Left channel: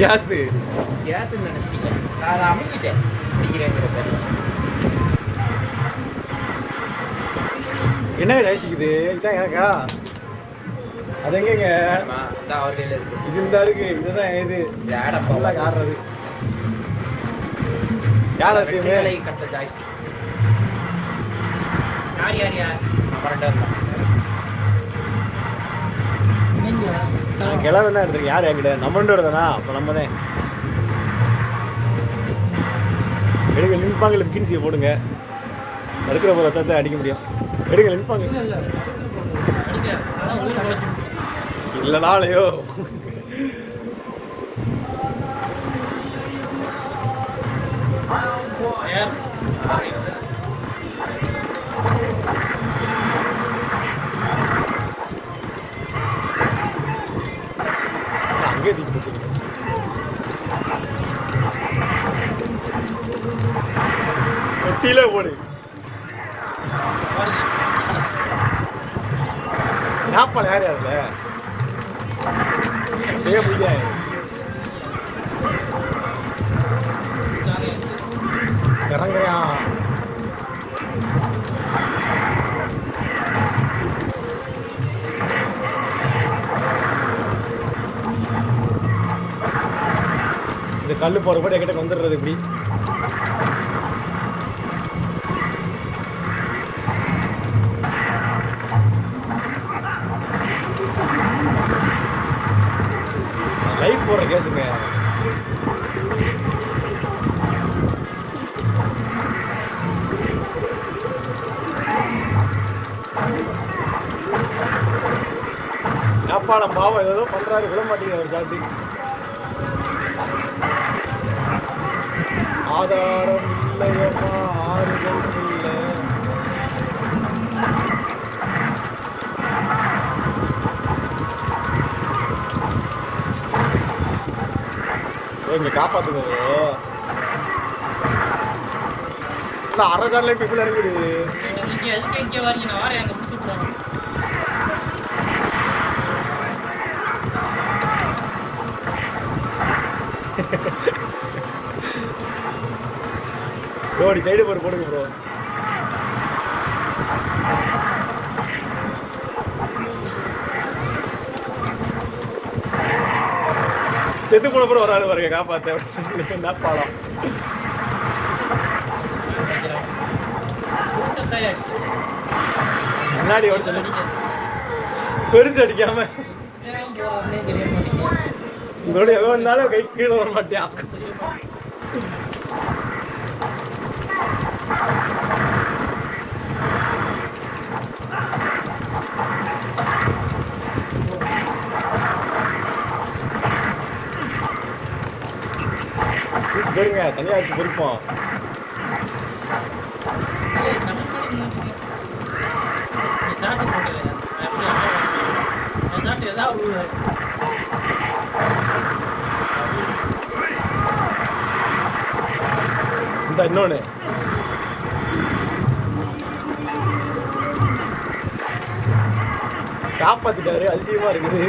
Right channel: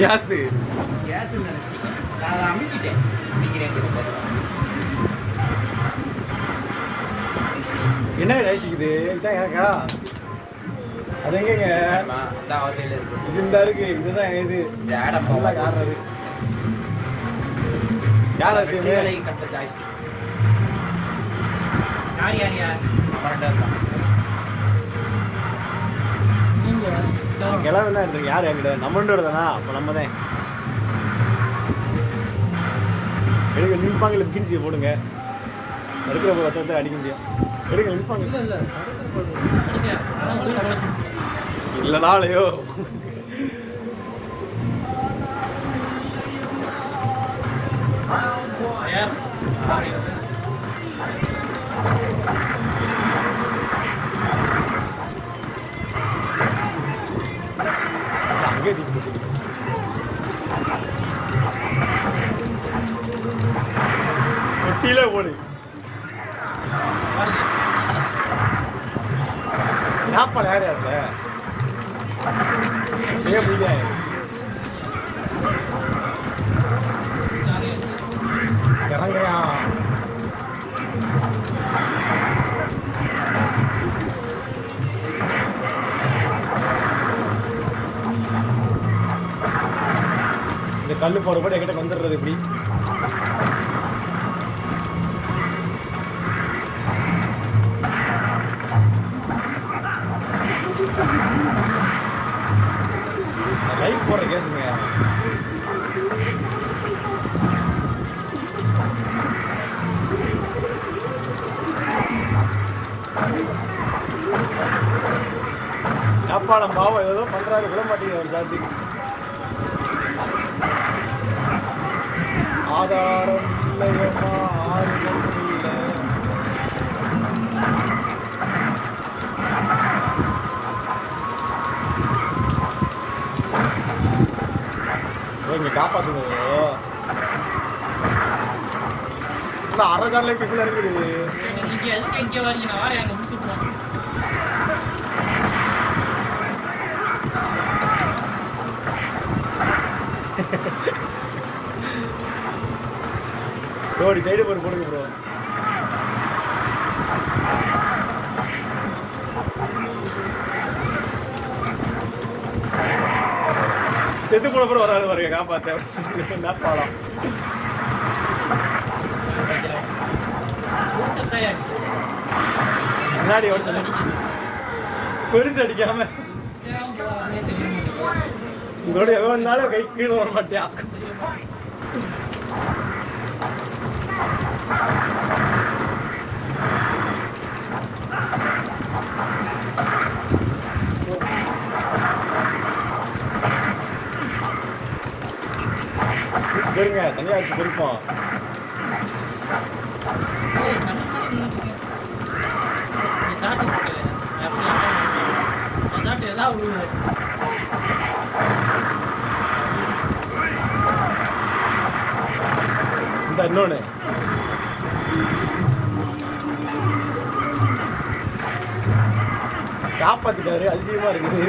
Case கேஸுன்னு நினச்சிட்டேன். நான் அதை அமைக்கிட்டேன் பிடிக்கிறேங்கிற பேர். என்ன யோசிக்குது இதுதான் எனக்கா அது எங்கங்க இந்த ஆர்கையில் இருக்கு. இது இந்த இருக்கு இதுதான் இது இந்த ஆடம் நல்லா காரணம் யார் இருக்கு வேலை கட்ட ஜாய்ஸ்டிக் யார் கிளம்பு தான் எடுத்துருக்கு யார் என்கிட்ட நம்மளோட தானா அப்போ நம்ம தான் எடுக்க நிற்பாங்க இல்லை கின்சியை போடுங்க எடுக்கிற போகிற வச்சா அடிக்க முடியும் எடுக்க நிற்பாங்க இல்லை நாளையோ அங்கே தீட்டு ஒட்டியிலே போடு நாப்பா நேரம் அதுல முடியாது இறங்குறான் இந்த கல் போற கூட என்கிட்ட வந்துடுறது இப்படி லைஃப் போற கேசுங்க காப்பாளம் பாவம் ஏதோ பண்றாரு விட மாட்டேங்குது ஒரு சாட்டி ஆதாரம் இல்லையம்மா ஆறுதல் சொல்ல இங்க காப்பாத்துங்க அரை சார்ல இப்ப இருக்குது ரோடி சைடு போட்டு போடுங்க ப்ரோ செத்து போன கூட வராது பாருங்க காப்பாத்த என்ன பாடம் முன்னாடி ஓடுது பெருசு அடிக்காம இதோட எவன் வந்தாலும் கை கீழே வர மாட்டியான் பெருங்க தனியா வச்சு பெருப்போம் இந்த இன்னொன்னு காப்பாத்திட்டாரு அதிசயமா இருக்குது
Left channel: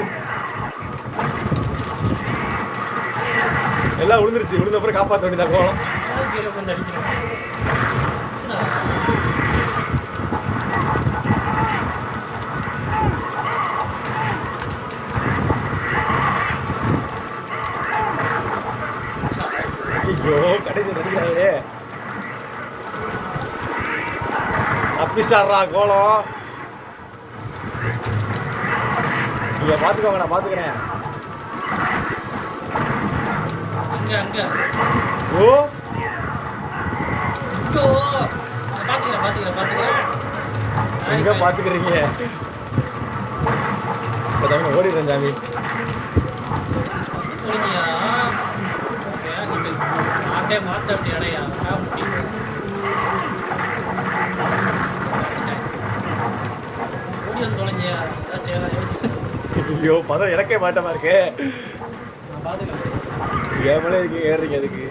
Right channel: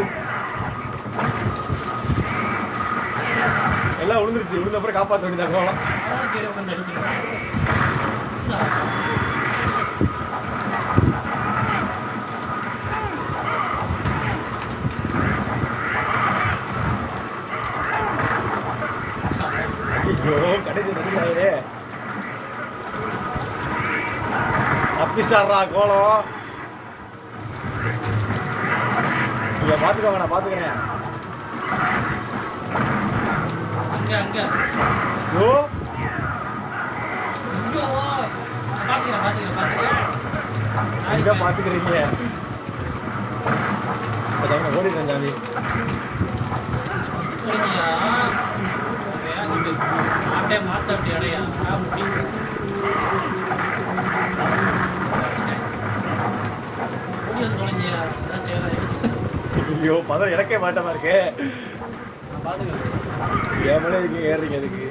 எல்லாம் விழுந்துருச்சு விழுந்த அப்புறம் காப்பாற்ற வேண்டியதாக கோலம் ஐயோ கடைசி நடிக்கிறாரு தப்பிச்சாடுறா கோலம் நீங்க பாத்துக்கோங்க நான் பாத்துக்கிறேன் ஓ எங்க பாத்துக்கிறீங்க ஓடிடுறேன் சாமி ஐயோ பதம் எனக்கே மாட்டமா இருக்கு ஏமலே இருக்கு ஏறீங்க அதுக்கு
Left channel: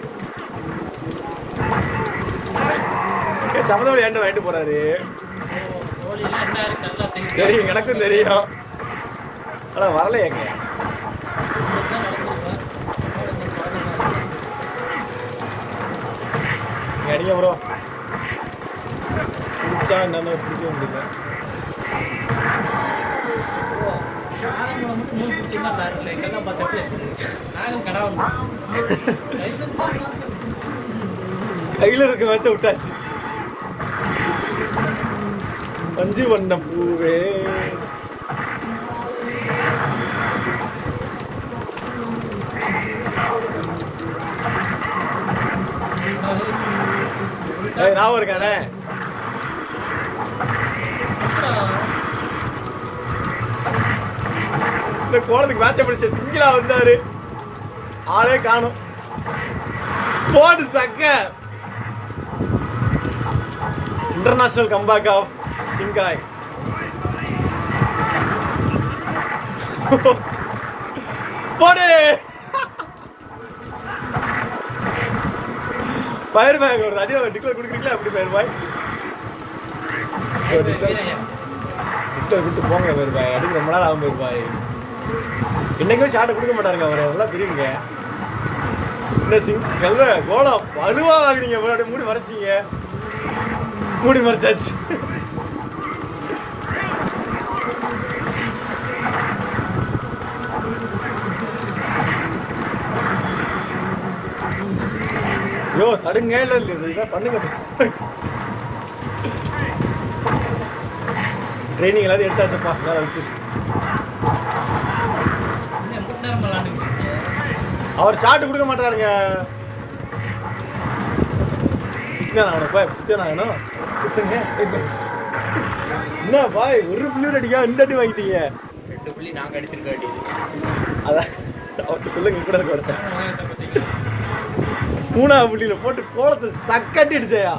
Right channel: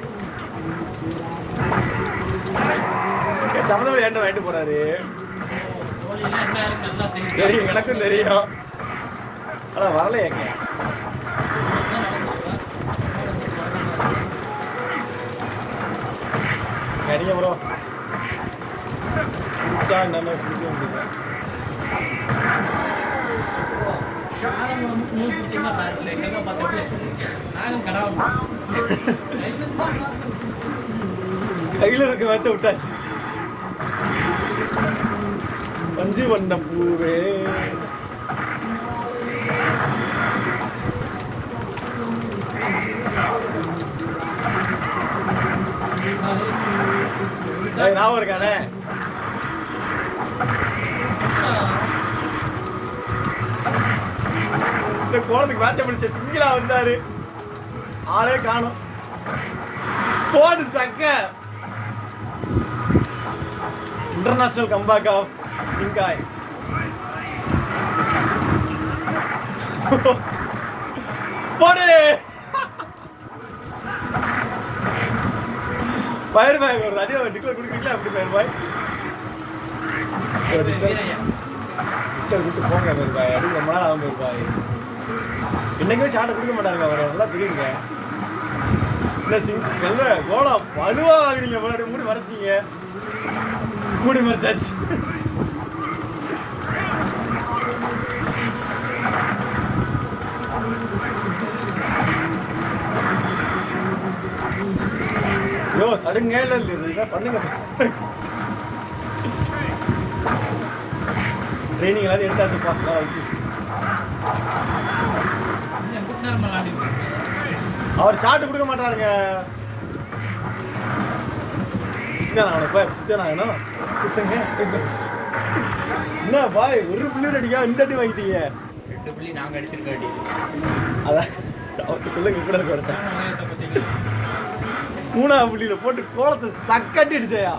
சம்மதம் ஏண்ட வாங்கிட்டு போறாரு தெரியும் எனக்கும் தெரியும் ஆனா வரல ஏங்க அடிங்க ப்ரோ. பிடிச்சா என்னன்னு பிடிக்க முடியல. கையில் இருக்க வச்ச விட்டாச்சு. பஞ்சு வண்ணம் பூவே ஞாபகம் இருக்கானே. இந்த கோலத்துக்கு மேட்ச பிடிச்ச சிங்கிளா வந்தாரு, ஆளே காணும். போடு சக்க. இன்டர்நேஷனல் கம்பேக் ஆஃப் சிங்காய். போடு ஃபயர் பாய் வருது. அடியே டிக்ளேர் கொடுக்குறீங்களா? அப்படி ஃபயர் பாய் விட்டு போங்க. ஃபயர் பாய் அடிக்க ரொம்ப நாள் ஆகும். ஃபயர் பாய் இன்னைக்கும் ஷாட்டை கொடுக்க மாட்டாருங்க. அவர் எல்லாம் தெரியுங்க. இந்த நல்ல கோலம் வலுவா வாங்கினீங்க. முன்னாடி மூடி மறைச்சிட்டீங்க. மூடி மறைச்சாச்சு. ஐயோ தடுங்க. இல்லை பண்ணுங்க. ட்ரைனிங் எல்லாத்தையும் எடுத்தாச்சுப்பா. அவர் ஷாட் கொடுக்க மாட்டாருங்க. என்ன பாய் ஒரு புள்ளி அடிக்கா இந்த அடி வாங்கிட்டீங்க. அதான் அவர்கிட்ட சொல்லுங்க கூட. மூணாவது புள்ளியில போட்டு கோலத்தை சக்கட்டிடுச்சையா.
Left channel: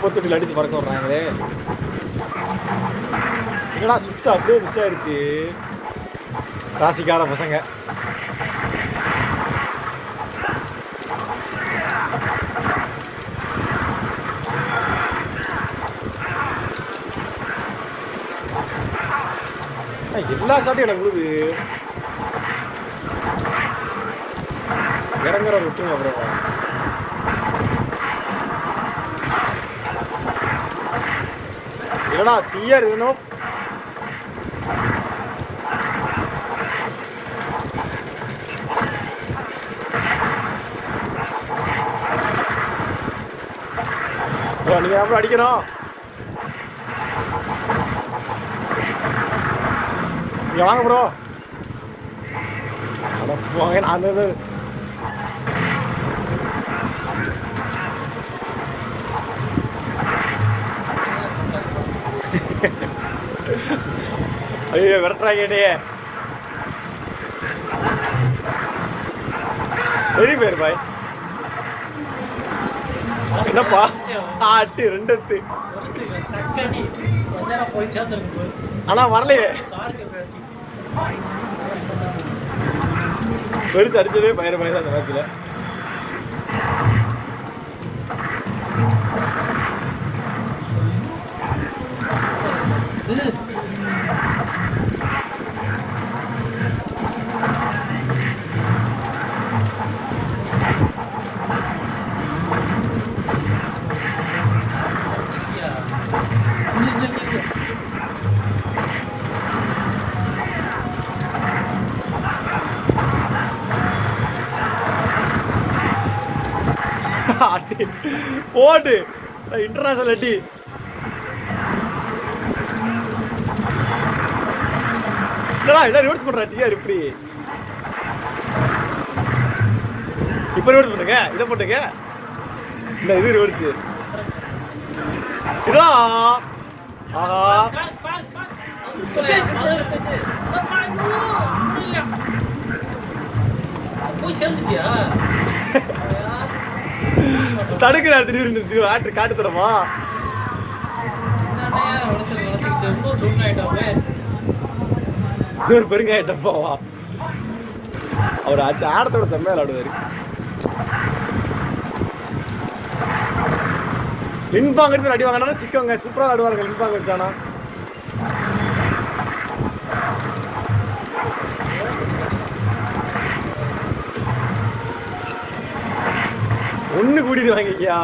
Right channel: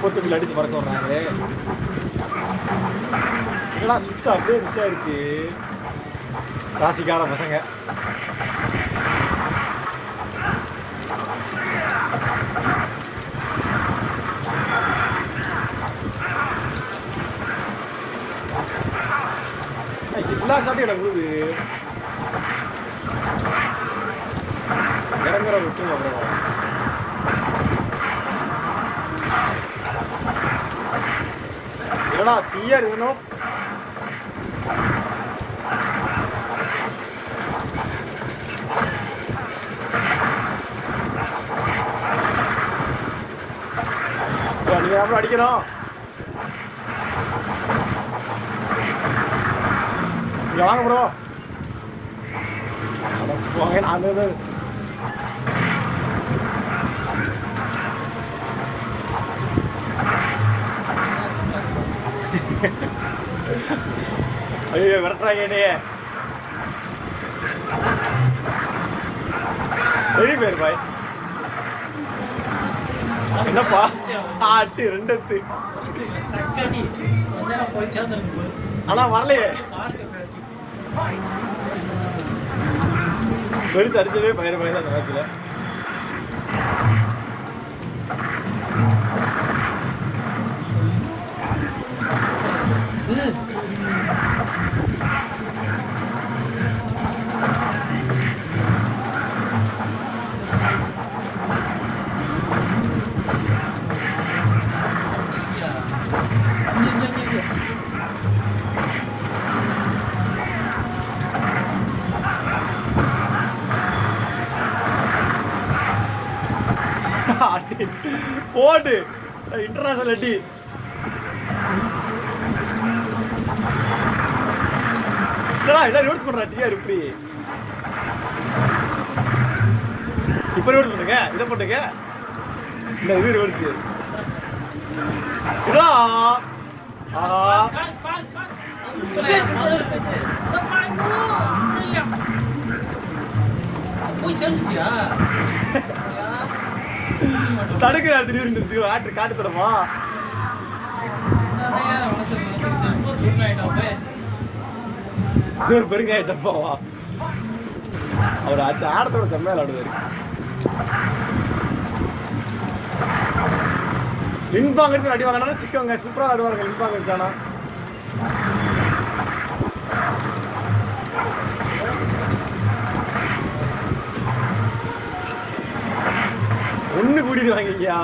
குப்பத்தொட்டில் அடிச்சு பறக்க விட்றாங்களே. என்னடா சுத்தம் அப்படியே மிஸ் ஆயிடுச்சு. ராசிக்கார பசங்க. எல்லா ஷாட்டும் எனக்கு விழுது. இறங்குற விட்டுருங்க. அப்புறம் இல்லைனா கிளியர் வேணும். நீங்கள் அப்புறம் அடிக்கணும். இங்கே வாங்க ப்ரோ. அந்த ஐயோ விரட்டுறாங்க என்னையே. வெளியே போயிரு பாய். என்னப்பா ஆட்டு ரெண்டு எத்து. ஆனா வரலையே. பெருசு அடிச்சதே பயிர பயிர் அந்த நேரத்தில். போடு இன்டர்நேஷனல் அடி. என்ன ரிவர்ஸ் பண்றா டிஆர் இப்படி. இப்ப ரிவர்ஸ் பண்ணுங்க. இதை போட்டுங்க. இந்த இது ரிவர்ஸ். போய் சேர்ந்துட்டியா தடுக்கிறார் திடீர்னு ஆட்டு காட்டு தரமா இன்னொரு பெருங்காயிட்டப்பாவா அவர் ஆடத்தோட செம்மையா விளையாடுவாரு. லின்பாங்க எடுத்து அடி வாங்கினா சிக்கவங்க சூப்பராக ஆடுவாருங்க லின்பாங்க வச்சானா. ஒண்ணு கூட்டிடுவாங்க ஐயா.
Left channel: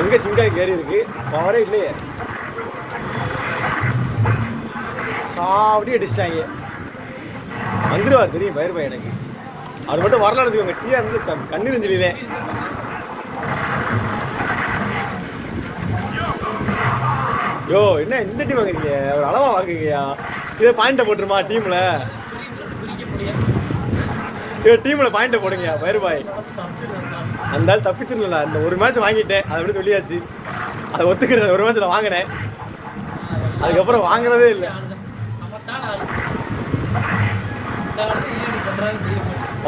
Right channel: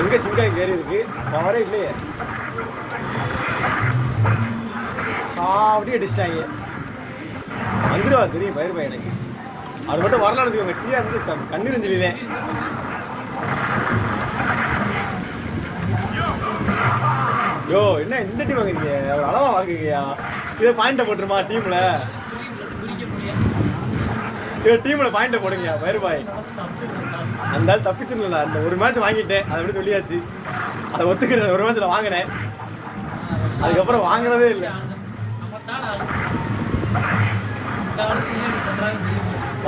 எங்க சிங்கா ஏறி இருக்கு பவரே இல்லையே. சாப்பிட்டு அடிச்சிட்டாங்க. வந்துடுவார் தெரியும் பயிர் பையன் எனக்கு. அது மட்டும் வரலான்னு வச்சுக்கோங்க. டீயா இருந்து கண்ணீர் இருந்துருவேன். யோ என்ன இந்த டீம் வாங்குறீங்க ஒரு அளவா வாங்குறீங்கயா. இதே பாயிண்ட்டை போட்டுருமா டீம்ல. இதே டீம்ல பாயிண்ட்டை போடுங்க பயிர் பாய். அந்த ஆள் தப்பிச்சுங்களா. அந்த ஒரு மேட்ச் வாங்கிட்டேன் அதை எப்படி சொல்லியாச்சு. அதை ஒத்துக்கிறேன். ஒரு மேட்ச் நான் வாங்கினேன் அதுக்கப்புறம் வாங்குறதே இல்லை.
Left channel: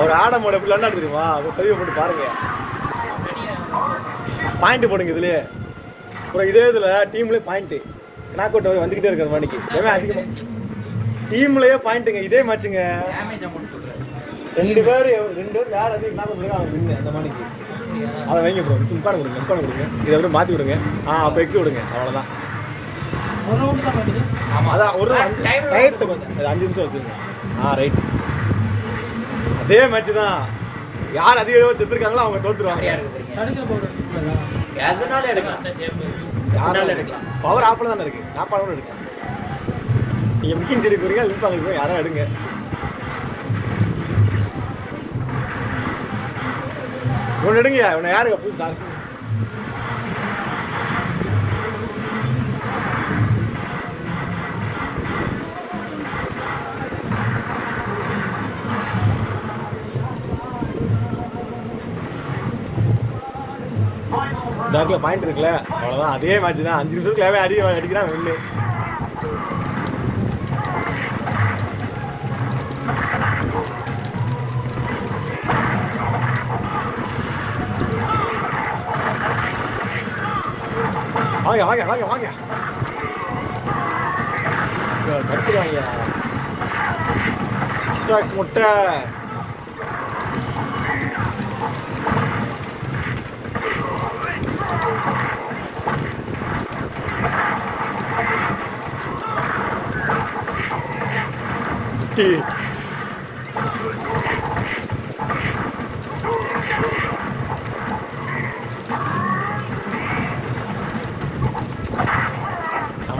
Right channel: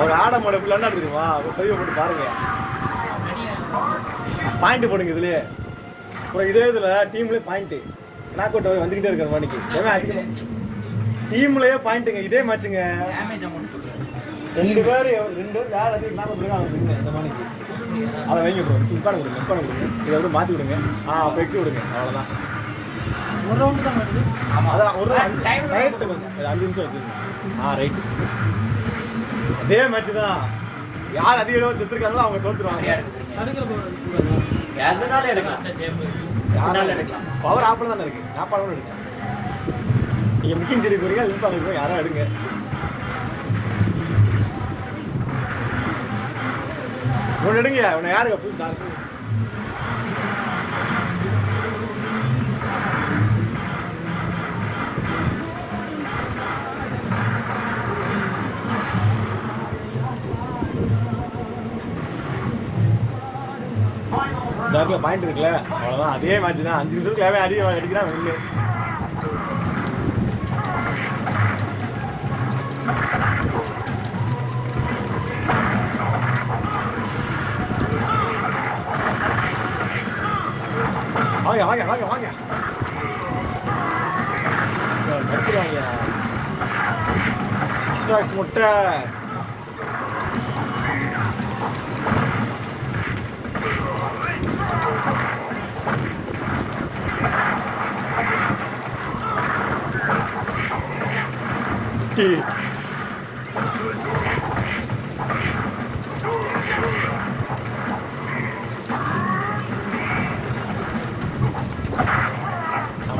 ஒரு ஆட மோட பிள்ளை தெரியுமா பதிவு போட்டு பாருங்க. பாயிண்ட் போடுங்க இதுலயே. அப்புறம் இதே இதுல டீம்லயே பாயிண்ட் நாக் அவுட் வந்துகிட்டே இருக்கிற மணிக்கு டீம்லயே பாயிண்ட்டுங்க. இதே மேட்சுங்க 2 பேர் யார் அதிகம் நாக் அவுட் அவன் வின்னு அந்த மணிக்கு. அதை வைங்க ப்ரோ. இப்பான கொடுங்க இதை எப்படி மாற்றி விடுங்க. அப்போ எக்ஸி விடுங்க அவ்வளோதான். அதான் ஒரு 5 நிமிஷம் வச்சுருங்க. ரைட். அதே மேட்ச் தான். யார் அதிக செத்துருக்காங்களோ அவங்க தோத்துருவாங்க. பவர் ஆப்பில் தானே இருக்கு. நாப்பாலும் இருக்கு. நீங்கள் முக்கியம் செடி போறீங்க லிங்க் வாங்கிருக்கோம். யாரும் எடுங்க. ஒன்று எடுங்கயா. உன்னை யாருக்கு புதுசு டாக்டர் டாக்டர் பாயிண்ட் இருக்குல்ல அவ்வளோதான். அதே மேட்ச் தான். 5 நிமிஷத்துக்காகவே அடிக்கிறான் ஒன்று. வாங்க வாங்க வாங்க வாங்க கத்துறாங்க. 6 பாக்ஸ் முட்டை.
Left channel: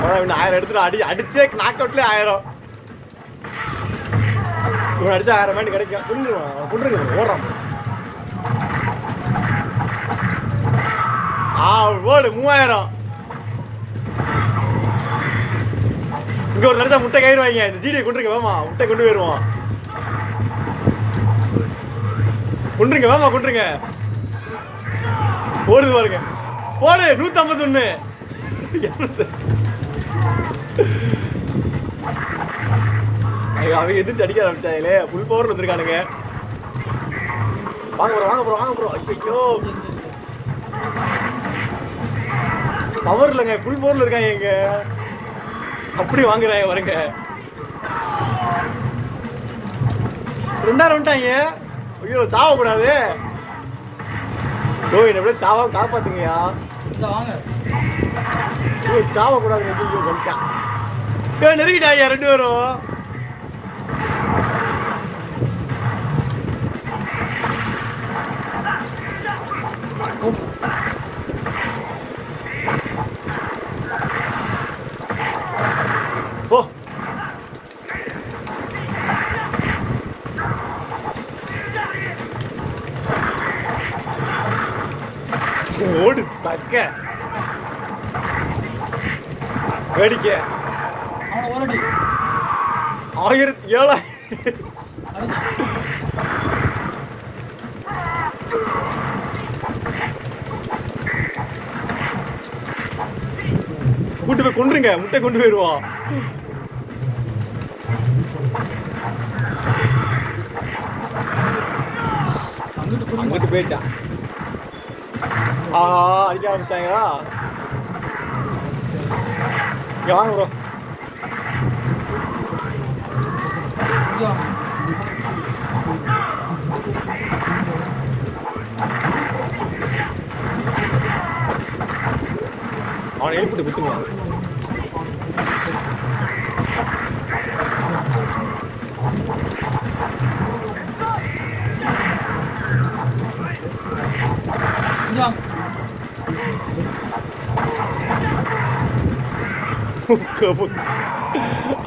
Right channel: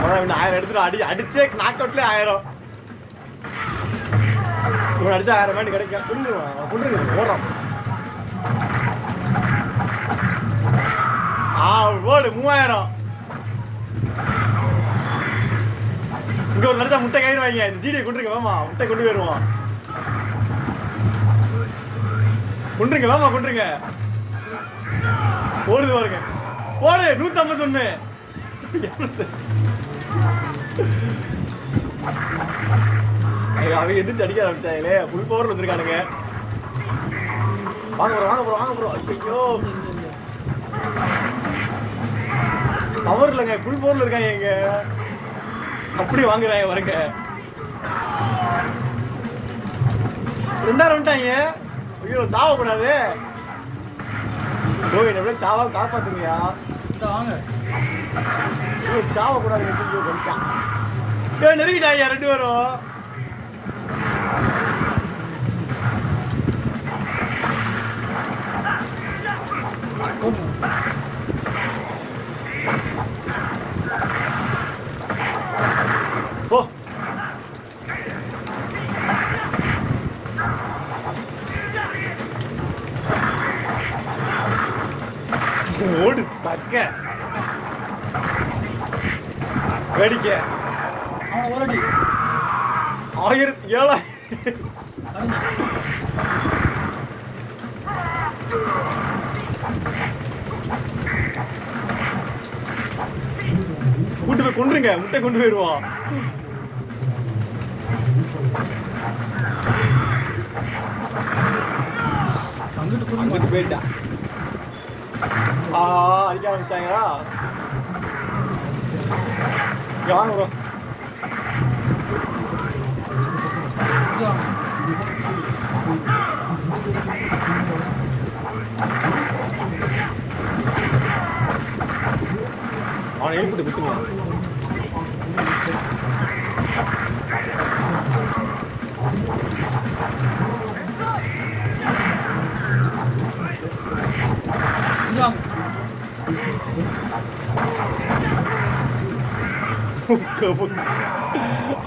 அம்மா 1000 எடுத்துட்டு அடிச்சே நாக் அவுட்லேயே 1000. இவன் அடிச்சா 1000 பாயிண்ட் கிடைக்கும். கொண்டுருங்க ஓடுறான். ஓடு 3000. இங்க ஒரு நடத்தா முட்டை கைடுவாங்க. இந்த ஜிடியை கொண்டுருங்க வேமா. முட்டை கொண்டு போயிருவோம். கொண்டுருங்க வேமா கொண்டுருங்க. ஓடுது பாருங்க. ஓடு 151. அவங்க எதிர்த்து அடிக்க ஆரம்பிச்சாங்களே. Full power வந்திருக்கானுங்க. வாங்க ப்ரோ வாங்க ப்ரோ வாங்க ப்ரோ. ஐயோ பவர் இல்லைங்க. ஃபுல் பவர்ல இருக்காங்க. எங்க அப்படி வாங்குறாங்க வரங்க. 2 வந்துட்டாங்க. ஐயோ சாவக்கூடாது. எப்படியே சாவ காப்பாத்துங்கயா. சாவக்கூடாது. வந்துட்டான் நெருங்கிட்டாங்க 2 பேரும். ஓ ஓடு சக்க வேடிக்கை. 1007. கூட்டு போய் கொண்டுருங்க, முட்டை கொண்டு போயிடுவோம். அங்கிட்டு போயிட்டான். அடிக்க ஆரம்பிச்சாங்களா? வாங்க ப்ரோ. அவனை எழுப்பிட்டு விட்டுருவான்.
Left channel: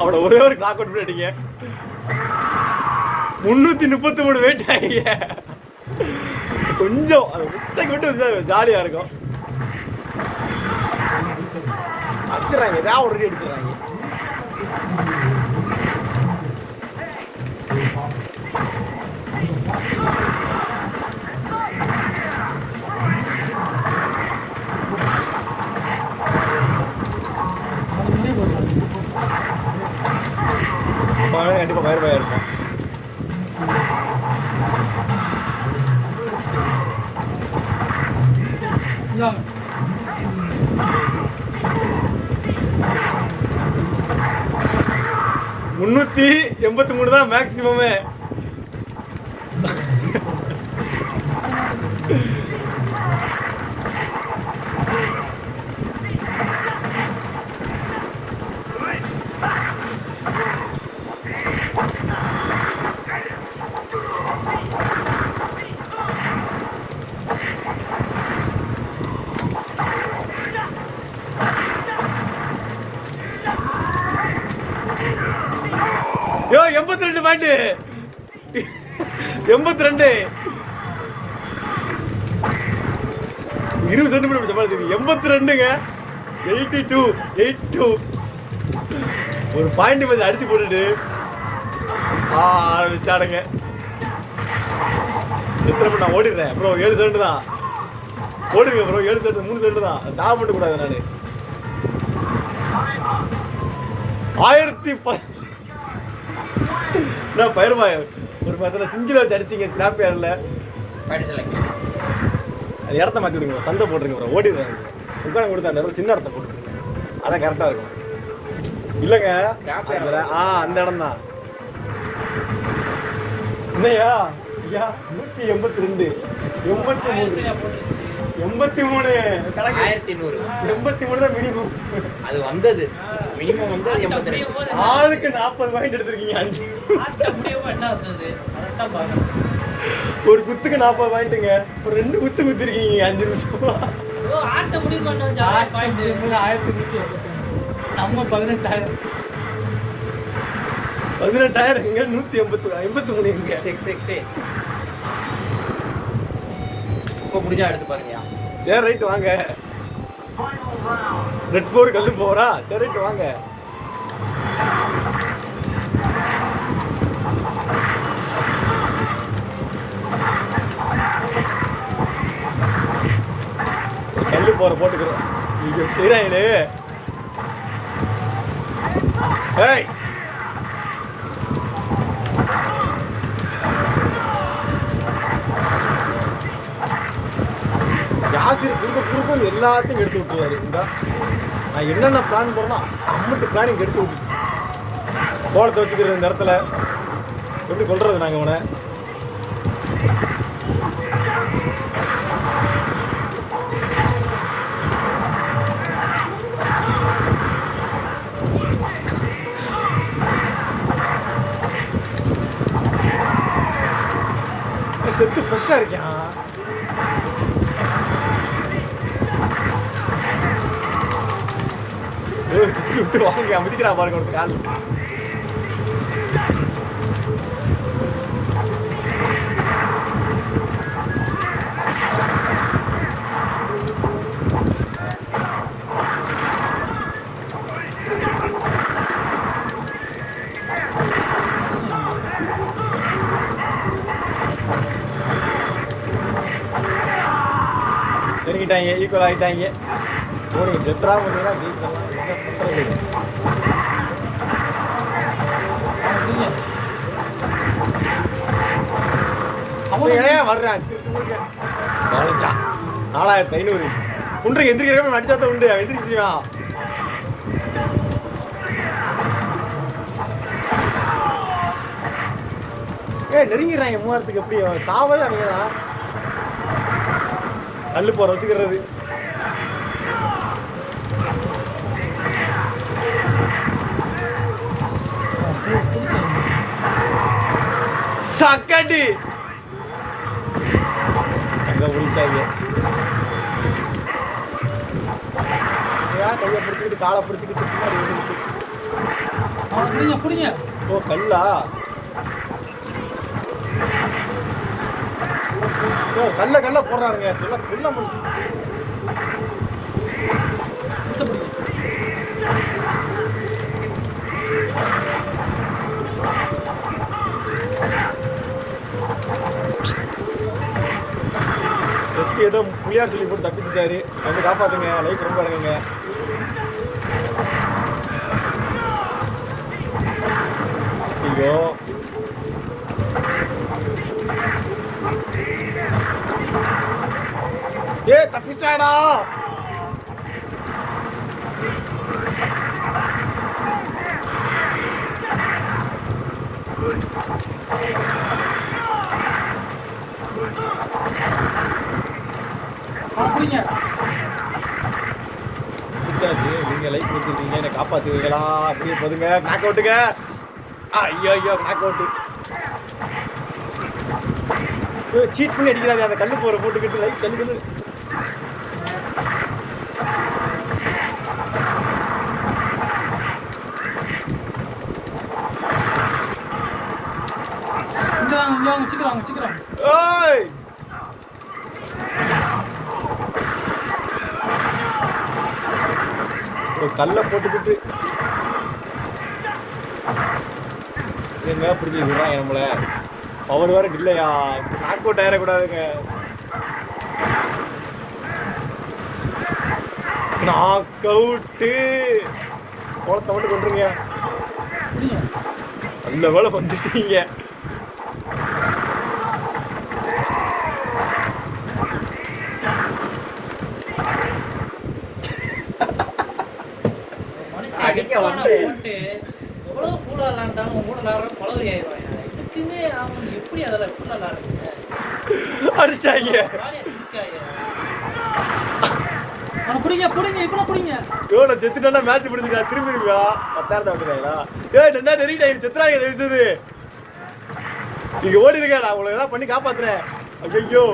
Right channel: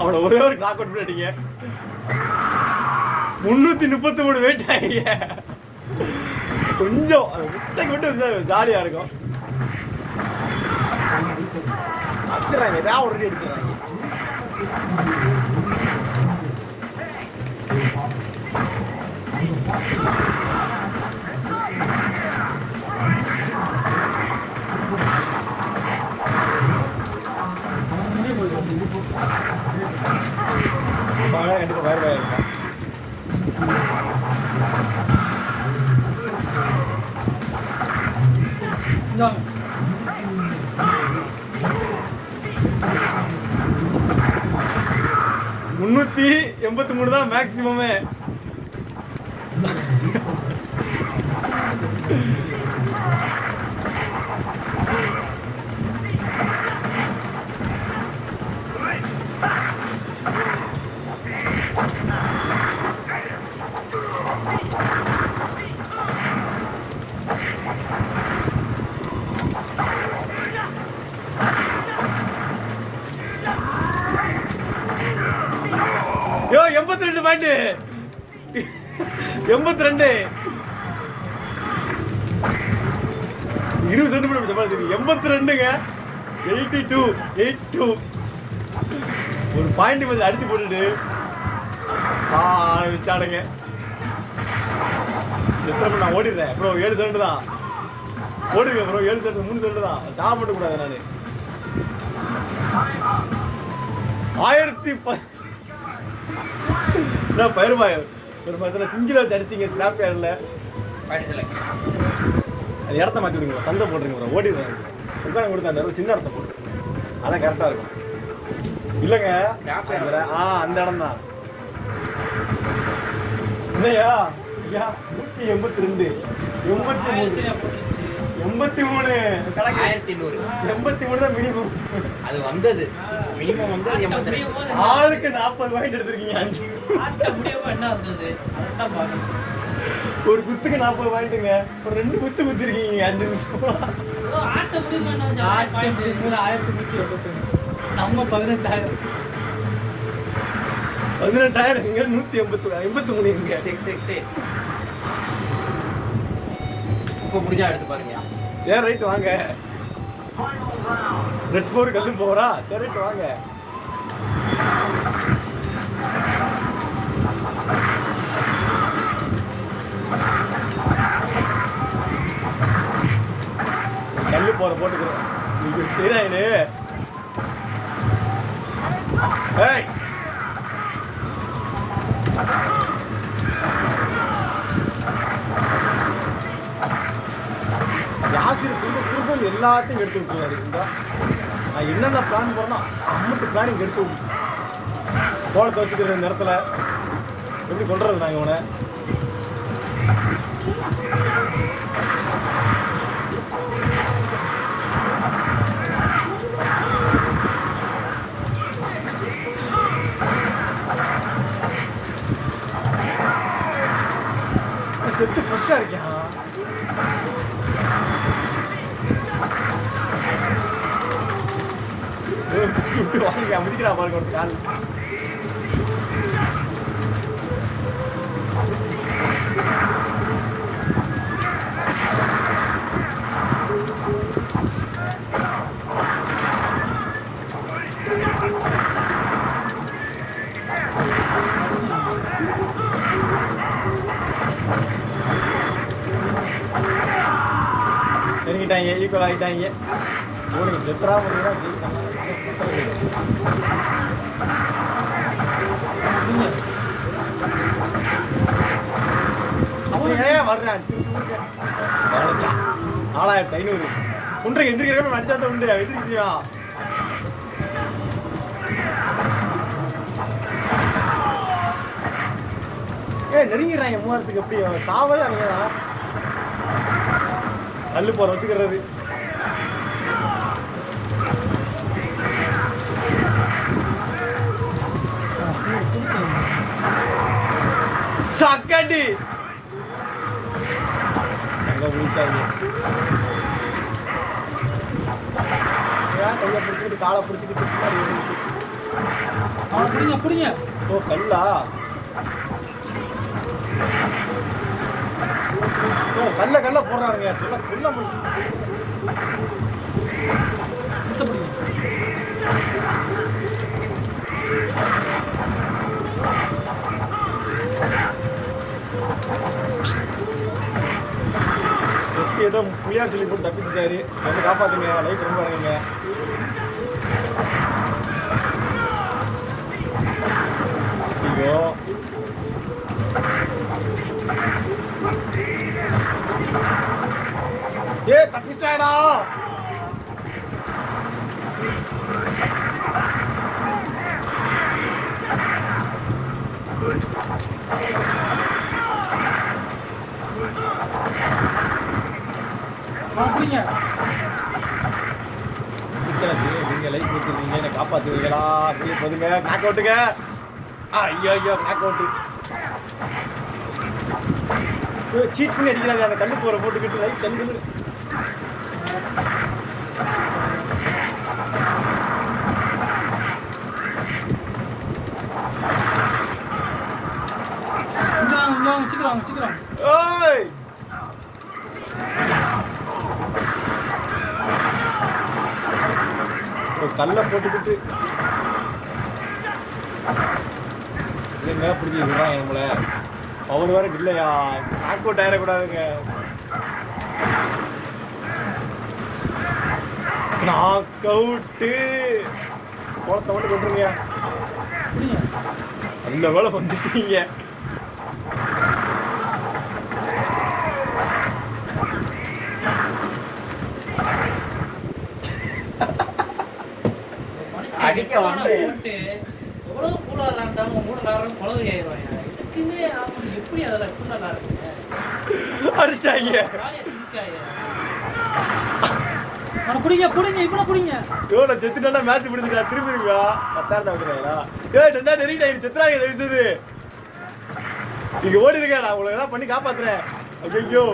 அவனை ஒரே ஒரு கிளாக் அவுட் பண்ணிட்டீங்க. 333 வெயிட் ஆகிங்க. கொஞ்சம் முட்டை கொண்டு ஜாலியா இருக்கும். அடிச்சிடறாங்க, ஏதாவது ஒரு அடிச்சிடறாங்க. கண்டிப்பா வயர்வாக இருக்கும். முன்னூத்தி 83 தான் மேக்சிமமே. யோ 82 பாயிண்ட், 82 20 சென்டிமீட்டர் சமாளிச்சது. 82ங்க, 82 ஒரு பாயிண்ட் கொஞ்சம் அடிச்சு போட்டுட்டு ஆரம்பிச்சாடுங்க. எத்தனை மணி நான் ஓடிடுறேன் ப்ரோ? 7 செகண்ட் தான் ஓடுங்க ப்ரோ. 7 செகண்ட் 3 செகண்ட் தான். சாக மட்டும் கூடாது. நான் பயிர்மாய ஒரு மாதிரி சிங்கிள் வச்சு அடிச்சிங்க. ஸ்லாப் ஏர்ல அது இடத்த மாற்றிடுங்க, சந்தை போட்டுருங்க. ஓடிடுறேன் உட்கார கொடுத்தேன். அந்த சின்ன இடத்த போட்டு அதான் கரெக்டாக இருக்கும். இல்லைங்க அந்த இடம் தான். இல்லையா? 182 83 கணக்கு. 83 தான் மினிமம். அது வந்தது மினிமம் வந்து 82. ஆளுக்கு 40 பாயிண்ட் எடுத்திருக்கீங்க. 5 ஒரு குத்துக்கு 40 பாயிண்ட்டுங்க. ஒரு 2 குத்து குத்திருக்கீங்க 5 நிமிஷம். 18,000 இங்க 183 இங்க 668. இப்போ முடிஞ்சா எடுத்து பாருங்க. சரி ரைட் வாங்க. ரெட் 4 கல்லு போறா. சரி ரைட் வாங்க. கல்லு போற போட்டுக்கிறோம். நீங்க சரியாயிடு. ஏய் யாசிர் குறுக்கும் எல்லாத்தையும் எடுத்து விட்டுருவாரு. இந்த நான் என்னென்ன பிளான் பண்ணோம் அம்மட்டு பிளானிங் எடுத்து விட்டு கோலத்தை வச்சுக்கிற இந்த இடத்துல எப்படி சொல்றது நாங்கள் உன செட்டு ஃப்ரெஷ்ஷாக இருக்கேன். விட்டு வாங்க முடிக்கிறா பாருங்க ஒரு கால். இறங்கிட்டாங்க, ஈக்குவல் ஆகிட்டாங்க. உங்களுக்கு செத்ரா மட்டும்தான் அவன் ஏன் வர்றான் 4500 உண்டு எந்திரிக்கிறப்ப மச்சாத்த உண்டு எந்திரிச்சியா நெருங்கிறாங்க 3000க்கு எப்படி சாவதே அவங்க தான் கல்லு போற வச்சுக்கிறது சக்கடி அங்க முடிச்சாங்க கையை பிடிச்சிக்கிட்டு காலை பிடிச்சிக்கிட்டு ஓ கல்லா கல்ல கல்ல போடுறாருங்க சொல்ல கொல்ல செத்து ஏதோ புளியார் சொல்லி போட்டு தப்பிச்சுட்டாரு வந்து காப்பாத்துங்க லைஃப் ரொம்ப அழகுங்க ஐயோ தப்பிச்சாடா நீங்க லைஃப் கொடுத்துருக்கீங்க என்ன காப்பாத்துவீங்களா அப்படியே போதுங்க நாக் அவுட்டுங்க ஐயோ ஐயோ நாக் அவுட்டு சீட் பண்ணி அடிக்கிறாங்க அந்த கல்லு போற போட்டுக்கிட்டு லைஃப் கல்லு ஓய் கல்லை போட்டுக்கிட்டு என்ன பிடிச்சிருக்குறான் நம்மள பவர் வேற இல்லையா நாக் அவுட் ஆயிடக்கூடாதுங்க நாக் அவுட்டு போலத்தை மட்டும் கொண்டுருங்க நல்ல வேலை வந்துட்டீங்க அடிக்க வந்து எவ்வளவு கூலா இருந்தாலும் 3 காரணம் குழந்தை ஆயிடுவாங்க எப்படி அதெல்லாம் கூலா அடிச்சிட்டாங்க புடிங்க புடிங்க இப்ப புடிங்க எவ்வளோ செத்துட்டா மேட்ச் முடிஞ்சுக்கா திரும்பிடுவா 10,000 வந்துடுறாங்களா ரெண்டா நெருங்கிட்டாங்க செத்துறாங்க தயவுசெய்து நீங்க ஓடி இருக்கா நான் உங்களை எல்லாம் பண்ணி காப்பாத்துறேன் ஐயோ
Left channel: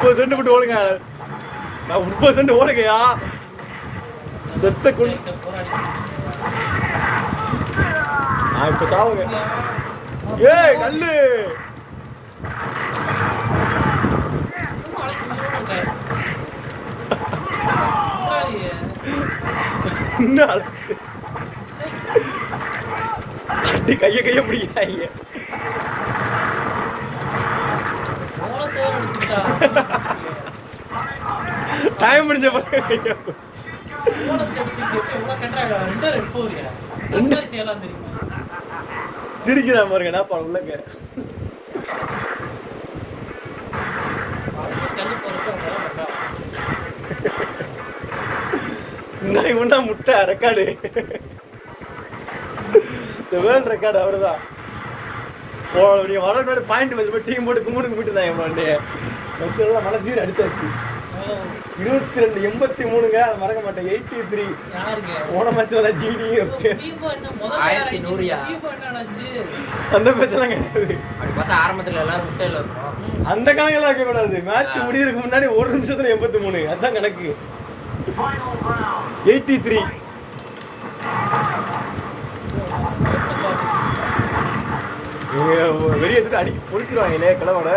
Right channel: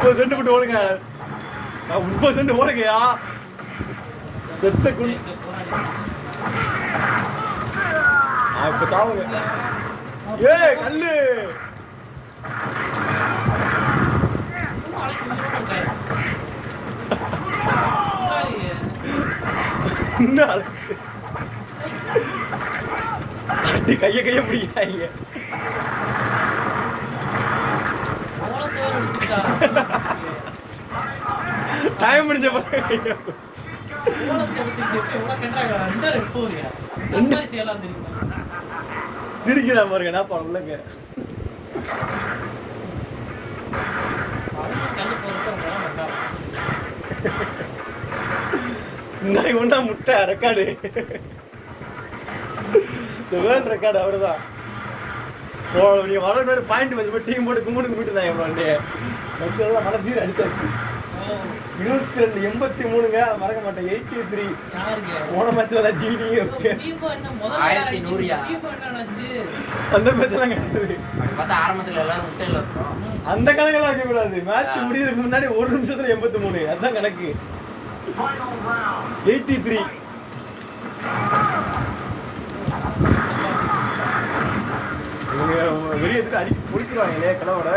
30 சென்ட் மட்டும் ஓடுங்க நான் 30 சென்ட் ஓடுங்கயா செத்த குழி இப்ப சாவுங்க ஏய் கல்லு கைய பிடிக்கிறாங்க டைம் முடிஞ்ச சிரிக்கிறா பாருங்க நான் உள்ளங்க ஒன்னா முட்டை ரெக்கார்டு வேர்ல்ட் ரெக்கார்டு அவருதான் வர மேலே பாயிண்ட் வச்சு போய் டீம் போட்டு கும்பிடுக்கு போயிட்டு வச்சதுதான் மனசீர் அடிச்சாச்சு 182 அதை மறக்க மாட்டேன் 83 போன மேட்ச்ல ஜிடி அந்த மேட்ச்லாம் கிடையாது ஆரம்பத்துல எல்லாரும் முட்டையில இருக்கும் அந்த கணக்கெல்லாம் வைக்க கூடாது மேட்ச் முடியறதுக்கு முன்னாடி 1 நிமிஷத்துல 83 அதுதான் கணக்கு 83 வெளியே எடுத்து அடி பொறுத்துருவாங்க இல்லையா கிளவோட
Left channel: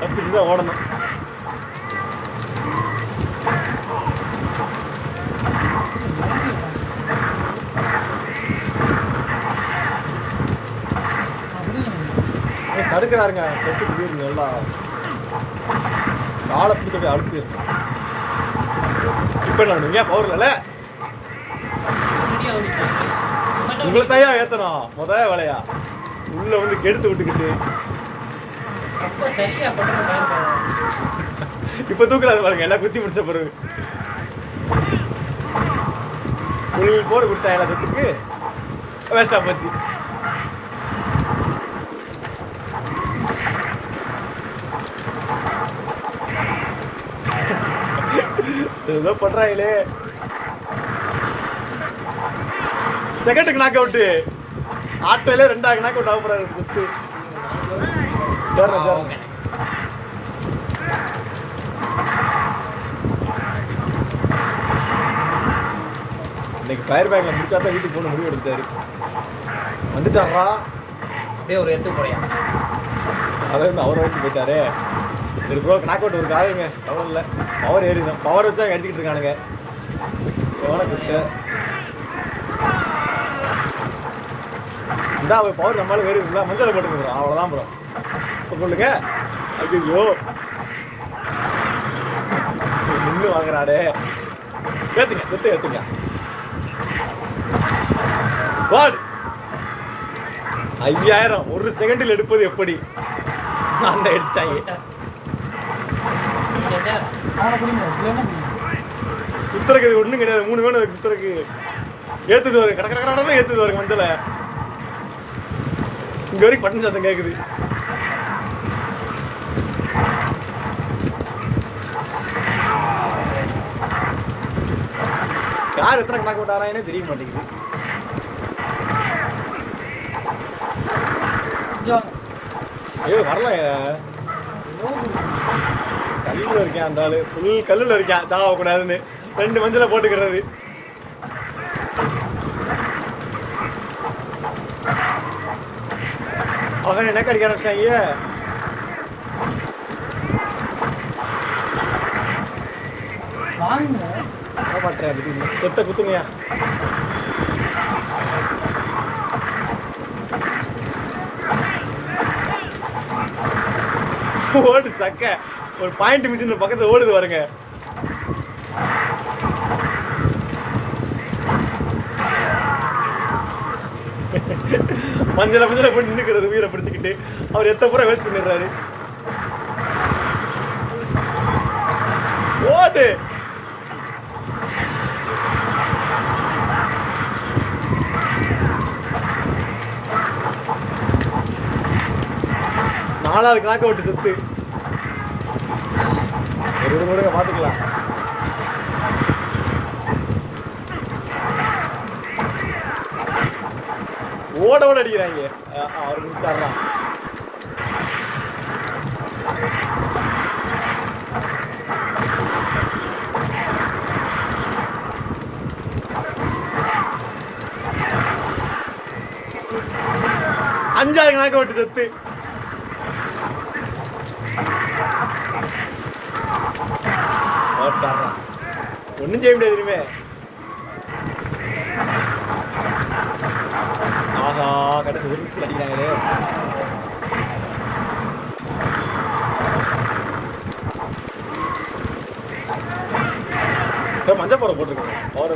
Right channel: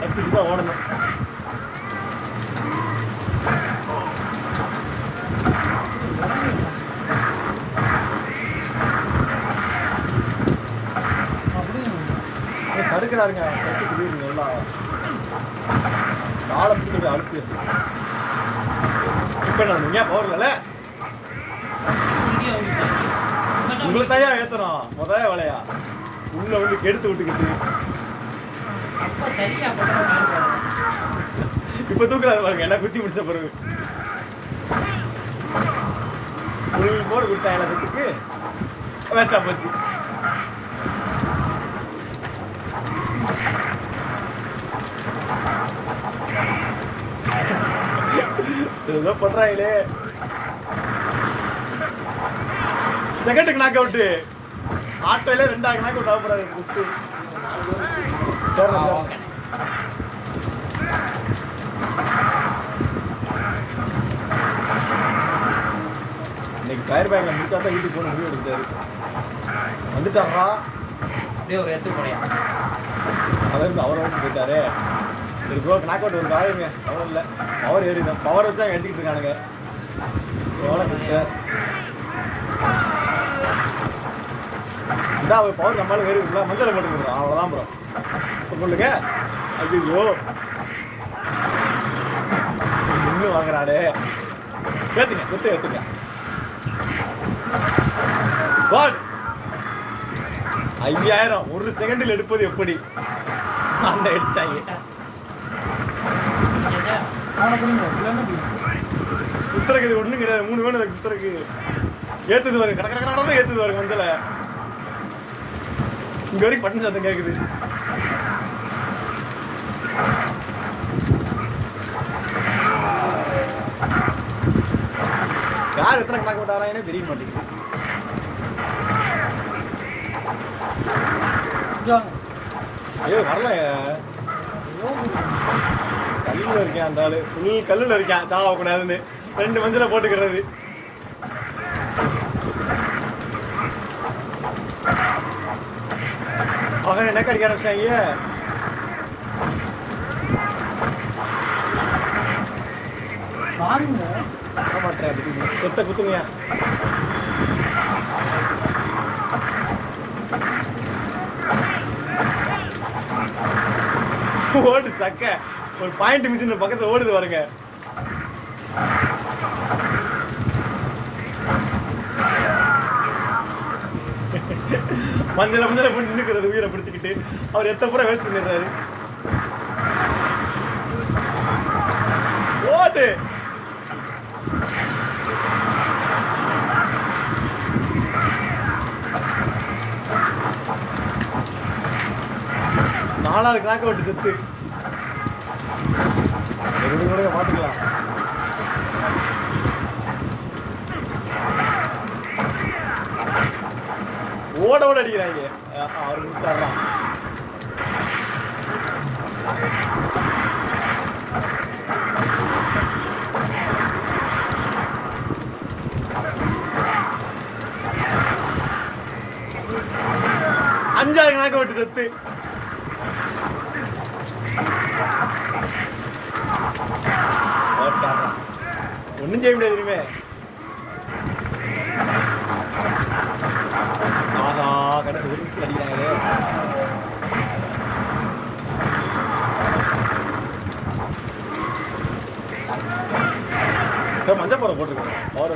தப்பிச்சுதான் ஓடணும் தடுக்கிறாருங்க செட்டுக்கு வீடுங்க எல்லாம் ஆளை பிடிச்சிட்டு அழுத்து இப்போ என்ன பண்ணுவீங்க? பவர் இல்லைல்ல? ரெடியா வந்து உங்களை தயா ஏற்றணும் முதல் வேலையா உள்ள வந்து கெடுத்து விட்டுக்கிட்டு அப்ப சரியா பண்ணுறாங்க. இப்போ தூக்குறாரு பாருங்க எல்லாம் குத்தி முடிச்ச பிறகு புல் போடு கொடுத்தாங்களா தொட்டுக்கு வேஸ்டா போச்சு. ஏதோ பண்றாங்களே. செகண்டுக்கு நாக் அவுட்டு ஆட்டோல 2வது நாக் அவுட் ஆகப்படுறாரு சுத்து. இன்னைக்கு ஃபயர் பேக்ல முடிச்சா தான் வீட்டுக்கு போன முடிவு எடுத்தாரு. வந்துட்டாரா அப்படியே ஒரு எத்து போடையா அதாவது அவரை வந்து போயிட்டாரு. சரி ப்ரோ நாக் அவுட் ஒரு காயமே பவர் இல்லை பவர் ஏறிதான் பவர் வச்சு அடிச்சுக்கிட்டு இருக்கானுங்க. எவ்வளோ கிட்ட இதான் அவர் பவர் நம்மளால வேறு இல்லை மஞ்சள் போட்டுக்கிறோம் அவ்வளோதான் ப்ரோ. இப்போ சொல்லுங்க ஐயோ நின்று வாங்குறாரு. ஏற்றுங்க செத்து ஏற்றுங்க. வாட் 5000 ஒரு செகண்டில் எடுப்பது எப்படி? அந்த எடுத்தாங்க சுத்தருக்கு இது ஒன்றும் கிடையாது. 3 வேணும் சுத்தருக்கு ஏற்றுது வருங்க கடை கடை ஏற்றுது வருங்க மஞ்சளை. இங்கே வரைக்கும் பட்டன் சத்தம் கேட்குது. யார் எத்தனை கணக்கு விட்டாரான்னு தெரிய மாட்டேங்குது. ஐயோ வரல கல்லில் இருக்கேன் அந்த ஆளு ஃபுல் கல்லில் இருக்கேன் சாகக்கூடாதுன்னு 2 மஞ்சளை போட்டுக்கிறது. அவங்க என்ன கடிக்க ஆரம்பிச்சாங்க. காப்பாற்றுறேன் செத்த குத்துங்க. ஓடு சக்க ஒரு பாயிண்ட் மிஷின் பக்கத்துல ஓடுது பாருங்க. மஞ்சளை போட்டு நின்னுக்கிறது உயிரை பிடிச்சிக்கிட்டு அவர் எத்த பூரா வேஸ்ட் பண்ணிடுறாரு. ஓடு நாலாவது நாக்க விட்டு செத்து ஒரு பார்த்துக்கலாம். ஓட ஓட அடிக்கிறாங்க. 6 நிமிஷம் ஆடுறான். அஞ்சாவது நாக்க விட்டு செத்து ஒன்றும் செய்ய முடியாது. இனிமே ஆஹா கடைசி 1 நிமிஷம் அடிக்கிறாங்களே. மஞ்சள் போட போட்டுருக்கோம் பவர்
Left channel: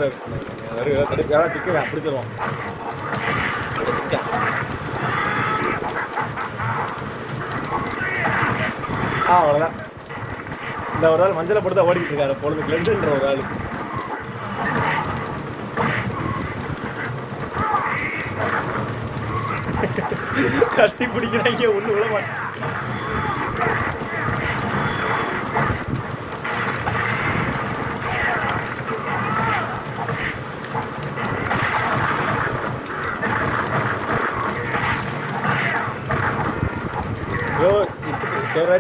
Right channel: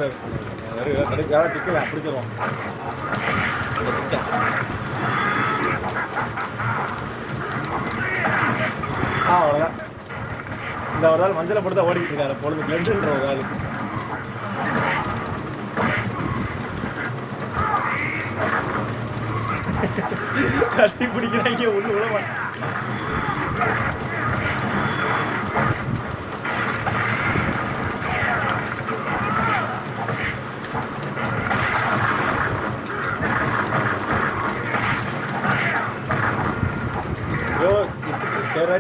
கிடைக்க திக்கலாம் பிடிச்சிருவோம். அவ்வளோதான். இந்த ஒரு ஆள் மஞ்சளை போட்டு தான் ஓடிக்கிட்டு இருக்காரு. பொழுது கிளம்புன்ற ஒரு ஆள் கட்டி பிடிக்கிறாங்க. ஒன்று விட மாட்டேன்.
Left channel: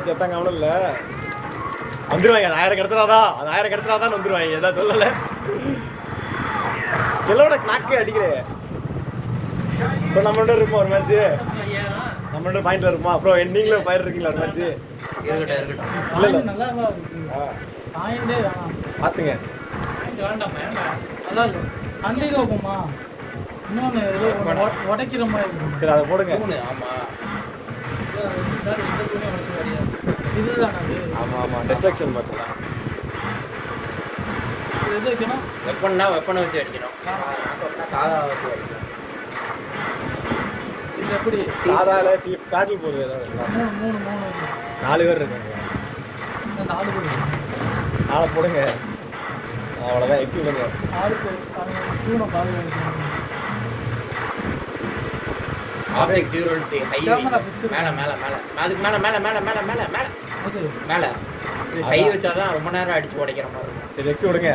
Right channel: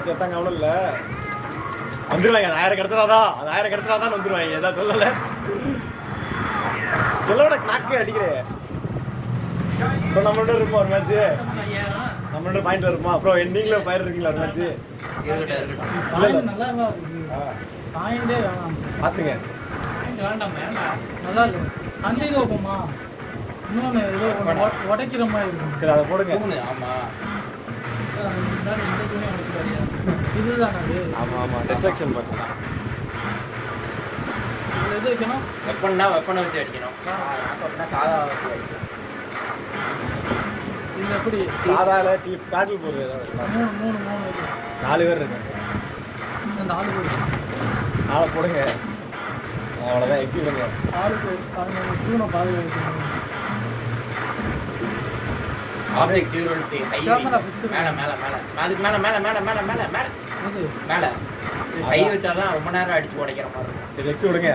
செத்தாங்க அவ்வளோ இல்லை வந்துடுவாங்க. அது 1000 கிடச்சிடாதான் வந்துடுவாங்க. எதாவது சொல்லலை சொல்லோட நாக்கே அடிக்கிறேன். இப்போ நம்மளோட இருப்போம் ஒரு மேட்ச்சு நம்மளோட பாயிண்ட்ல இருப்போம். அப்புறம் நீங்களும் பயிர் இருக்கீங்களா ஒரு மேட்ச்சு? பார்த்துங்க உடைக்கிற மாதிரி. சரி அதை போடுங்க. இதுதான் ஆமாம் டிஸ்ட்ராக்ஷன் பார்த்துக்கலாம். எது வைக்கணும்? வெப்பன்னா வெப்பனை வச்சு அடிக்கணும். சாதா வச்சு அடிக்கணும். இது எப்படி? சாதாரண பேட்டில் போடுறது ஏதாவது 3 வைக்கணும். 4 பேர் இருக்காங்க. இந்த 4 பேர். 4 போடுங்க. அவ்வளோதான் வச்சு விடுங்க. 6 பேர். அவங்க தூணை பாதுகாக்கணும். Object durability high. Camera fix மேல மேல மேல. அதுக்கு மேல மேல மேல மேல மேல மேல அது மேல. இது கை வச்சாதான் ரொம்ப நேரம் அடிச்சு உடைக்கிற மாதிரி இருக்கும். சரி வச்சு விடுங்க.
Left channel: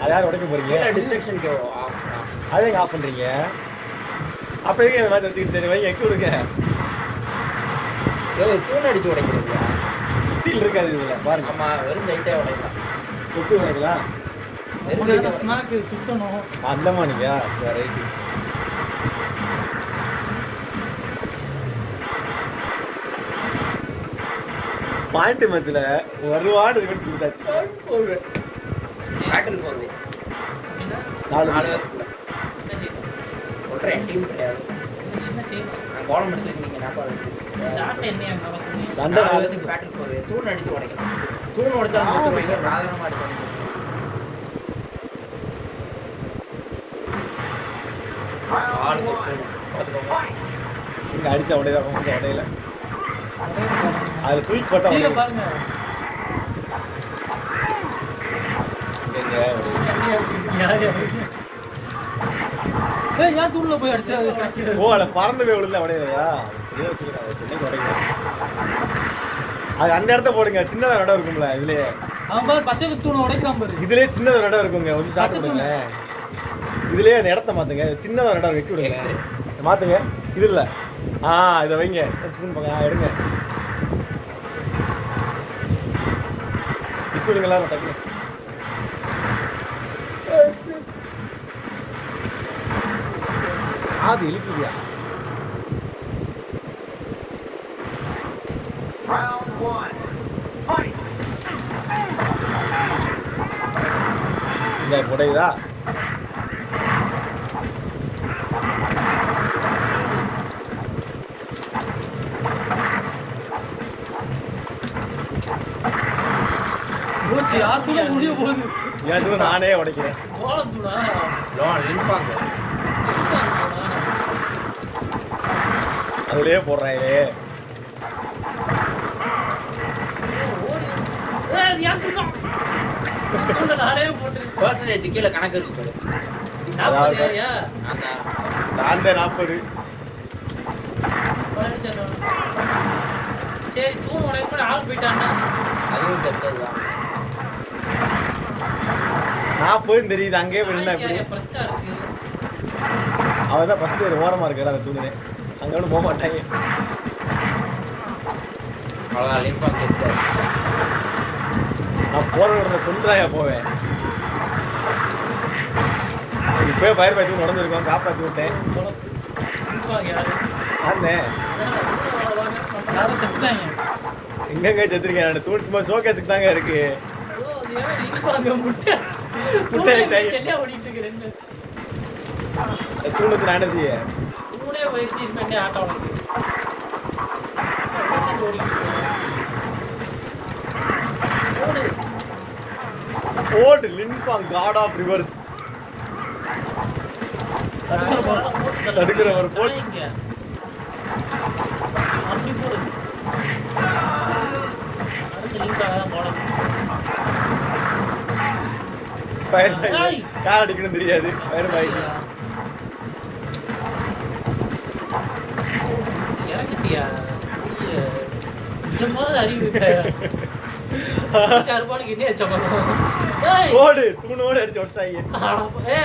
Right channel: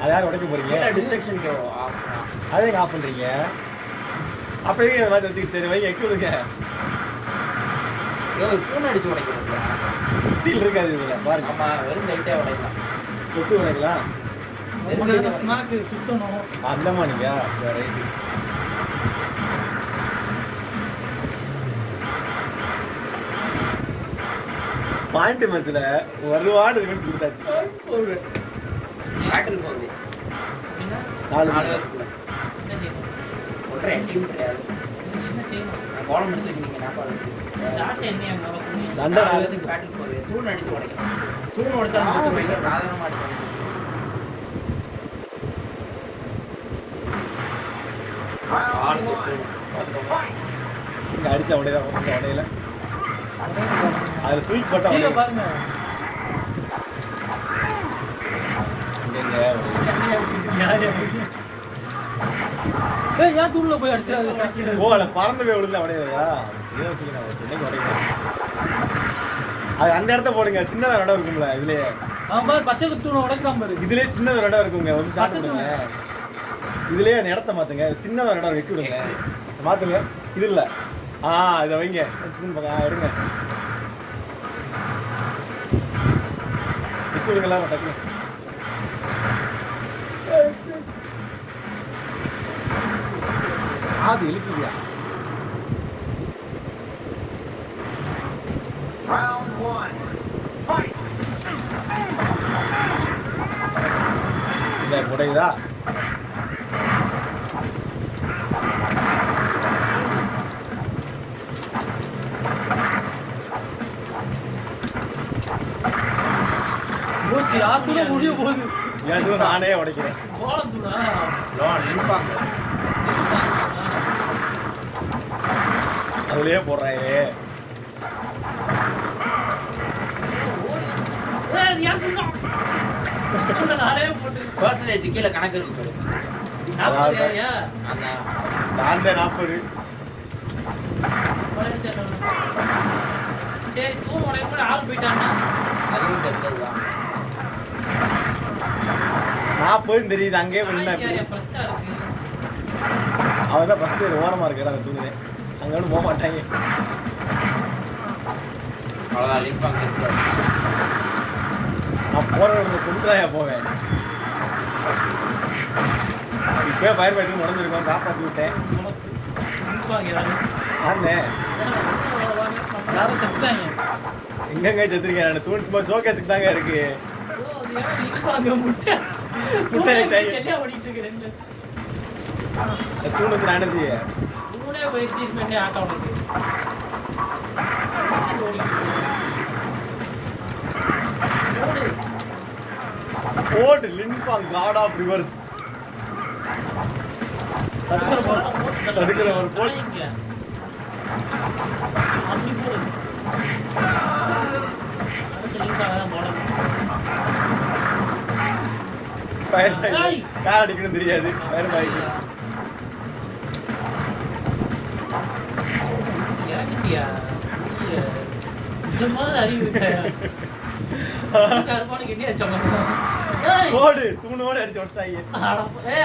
அது யார் உடைக்க போறீங்க? கீழே டிஸ்ட்ரக்ஷனுக்கு அதே ஆஃப் பண்ணுறீங்க. அப்போ எதுக்கு இந்த மாதிரி வச்சுக்கிட்டு சரி வைங்க வச்சு விடுங்க. தூண் அடிச்சு உடைக்கிறது. சுற்றில் இருக்காது இதில் பாருங்க. ஆமா வெறும் லைட்டா உடைக்கலாம். எப்படி உடைக்கலாம்? ஸ்நாக்கு சுத்தணும். அந்தமா நீங்க சரி ரைட்டு. பாயிண்ட் மேட்ச்ல ஒரு வார்டு மேட்ச் கொடுத்தாச்சு. பேட்டில் போகுது. அப்படின்னா 4 நாலு பேர். என்ன செய்யணும்? ஒன்றரை டீம் கிடையாது. நீங்க என்ன செய்யணும்? பாலம் எடுத்துக்கிட்டீங்க நாட்டாளு. டாட்டா என்ன நடக்கும்? சண்டை நாலு 4 பேருக்கு பேட்டில் போகுது. தூண் அடிச்சு உடைக்கணும். தூண் உடைச்சா வைக்க சாதாரணமா அடிக்கணும். ஆளுக்கு தூண் பார்த்துக்கோங்க. இந்த அடிச்ச உடையா இந்த உடையில அது தூக்கி போட்டா கீழே உடையும். பாருங்க. இங்க ஒரு கம்மியா வச்சிருக்கீங்க. ஏய் ஏன் தூண்ல போய் அடிச்சாது? ஓ அதில் பறந்து போய் விழுந்தா உடையா? ஏன் சொல்லுங்க இன்னைக்கு உடையும். அது அந்த இடத்த போடுங்க. சின்னதாக இடம் இருக்கும்ல இதுலயே. அவன் பாரு பச்சை தூணை உடைக்காம பாரு. இதுலயே சின்னதாக இடம் இருக்குங்க. கொஞ்சம் ஸ்டார்ட் பண்ணுங்க. இதுலயே அந்த இடத்த மாத்துங்க. சின்னதாக இடம் வச்சு விடுங்க. மாத்துங்க. இது இல்லை. இதை வைங்க. எடுங்க வச்சு விடுங்களா டக்குனு. அது இழுக்குதியா? இந்த புடையுதா? போச்சு யாருக்குள்ள முடிய போகுது. எல்லாத்தையும் நானே உடைக்கிறேன். கோலம் தூணா? லின்பாங்க. அதுலயே போடுறாங்க. ஏய் ஏன் தூணா? நானே போட்டு. பர்சன்டேஜ் கீழே கணக்கு இருக்கு போடு. அதாவது ஏன்? அந்த 40. சரி தூண் உடைக்க ஆள் போயிட்டாங்க. அதுவும் தெரிஞ்சதுதான். 40 தெரியுது. அங்கேயே போயிருந்தா எப்படி? ஃபர்ஸ்டா இருக்கு. அவன் தான் ஃபஸ்ட்டு ஒரு ஓரமாக இருக்கிற அந்த துணியை அங்கே ஒன்றும் போக மாட்டாங்க. அவ்வளோதான் லின்பாங்க இருக்கு. நான் போகிற இடத்துல கொண்டு தான் போவேன். இப்போயே ஃபயர் ஃபைட்டர் நடந்துருக்கோம். காப்பாற்றி விட்டேன். ஆமாம் யாரும் செத்துட்டாங்க. எங்கெங்க செத்துருக்கேன். நான் தூண் சும்மா ஷோகேஸுக்கு தாங்க இருக்கு. தூணுக்கு நான் என்ன செய்ய? ஓடு லின்பாங் காட் ஆஃப் ரிவர்ஸ். தடுக்கிற ஒரு போல் கார் அடிக்கணும் தெரியாது. ஃபயர் பாய்க்கு ஓடு தூணோடு அடிச்சு வச்சிட்டாங்க.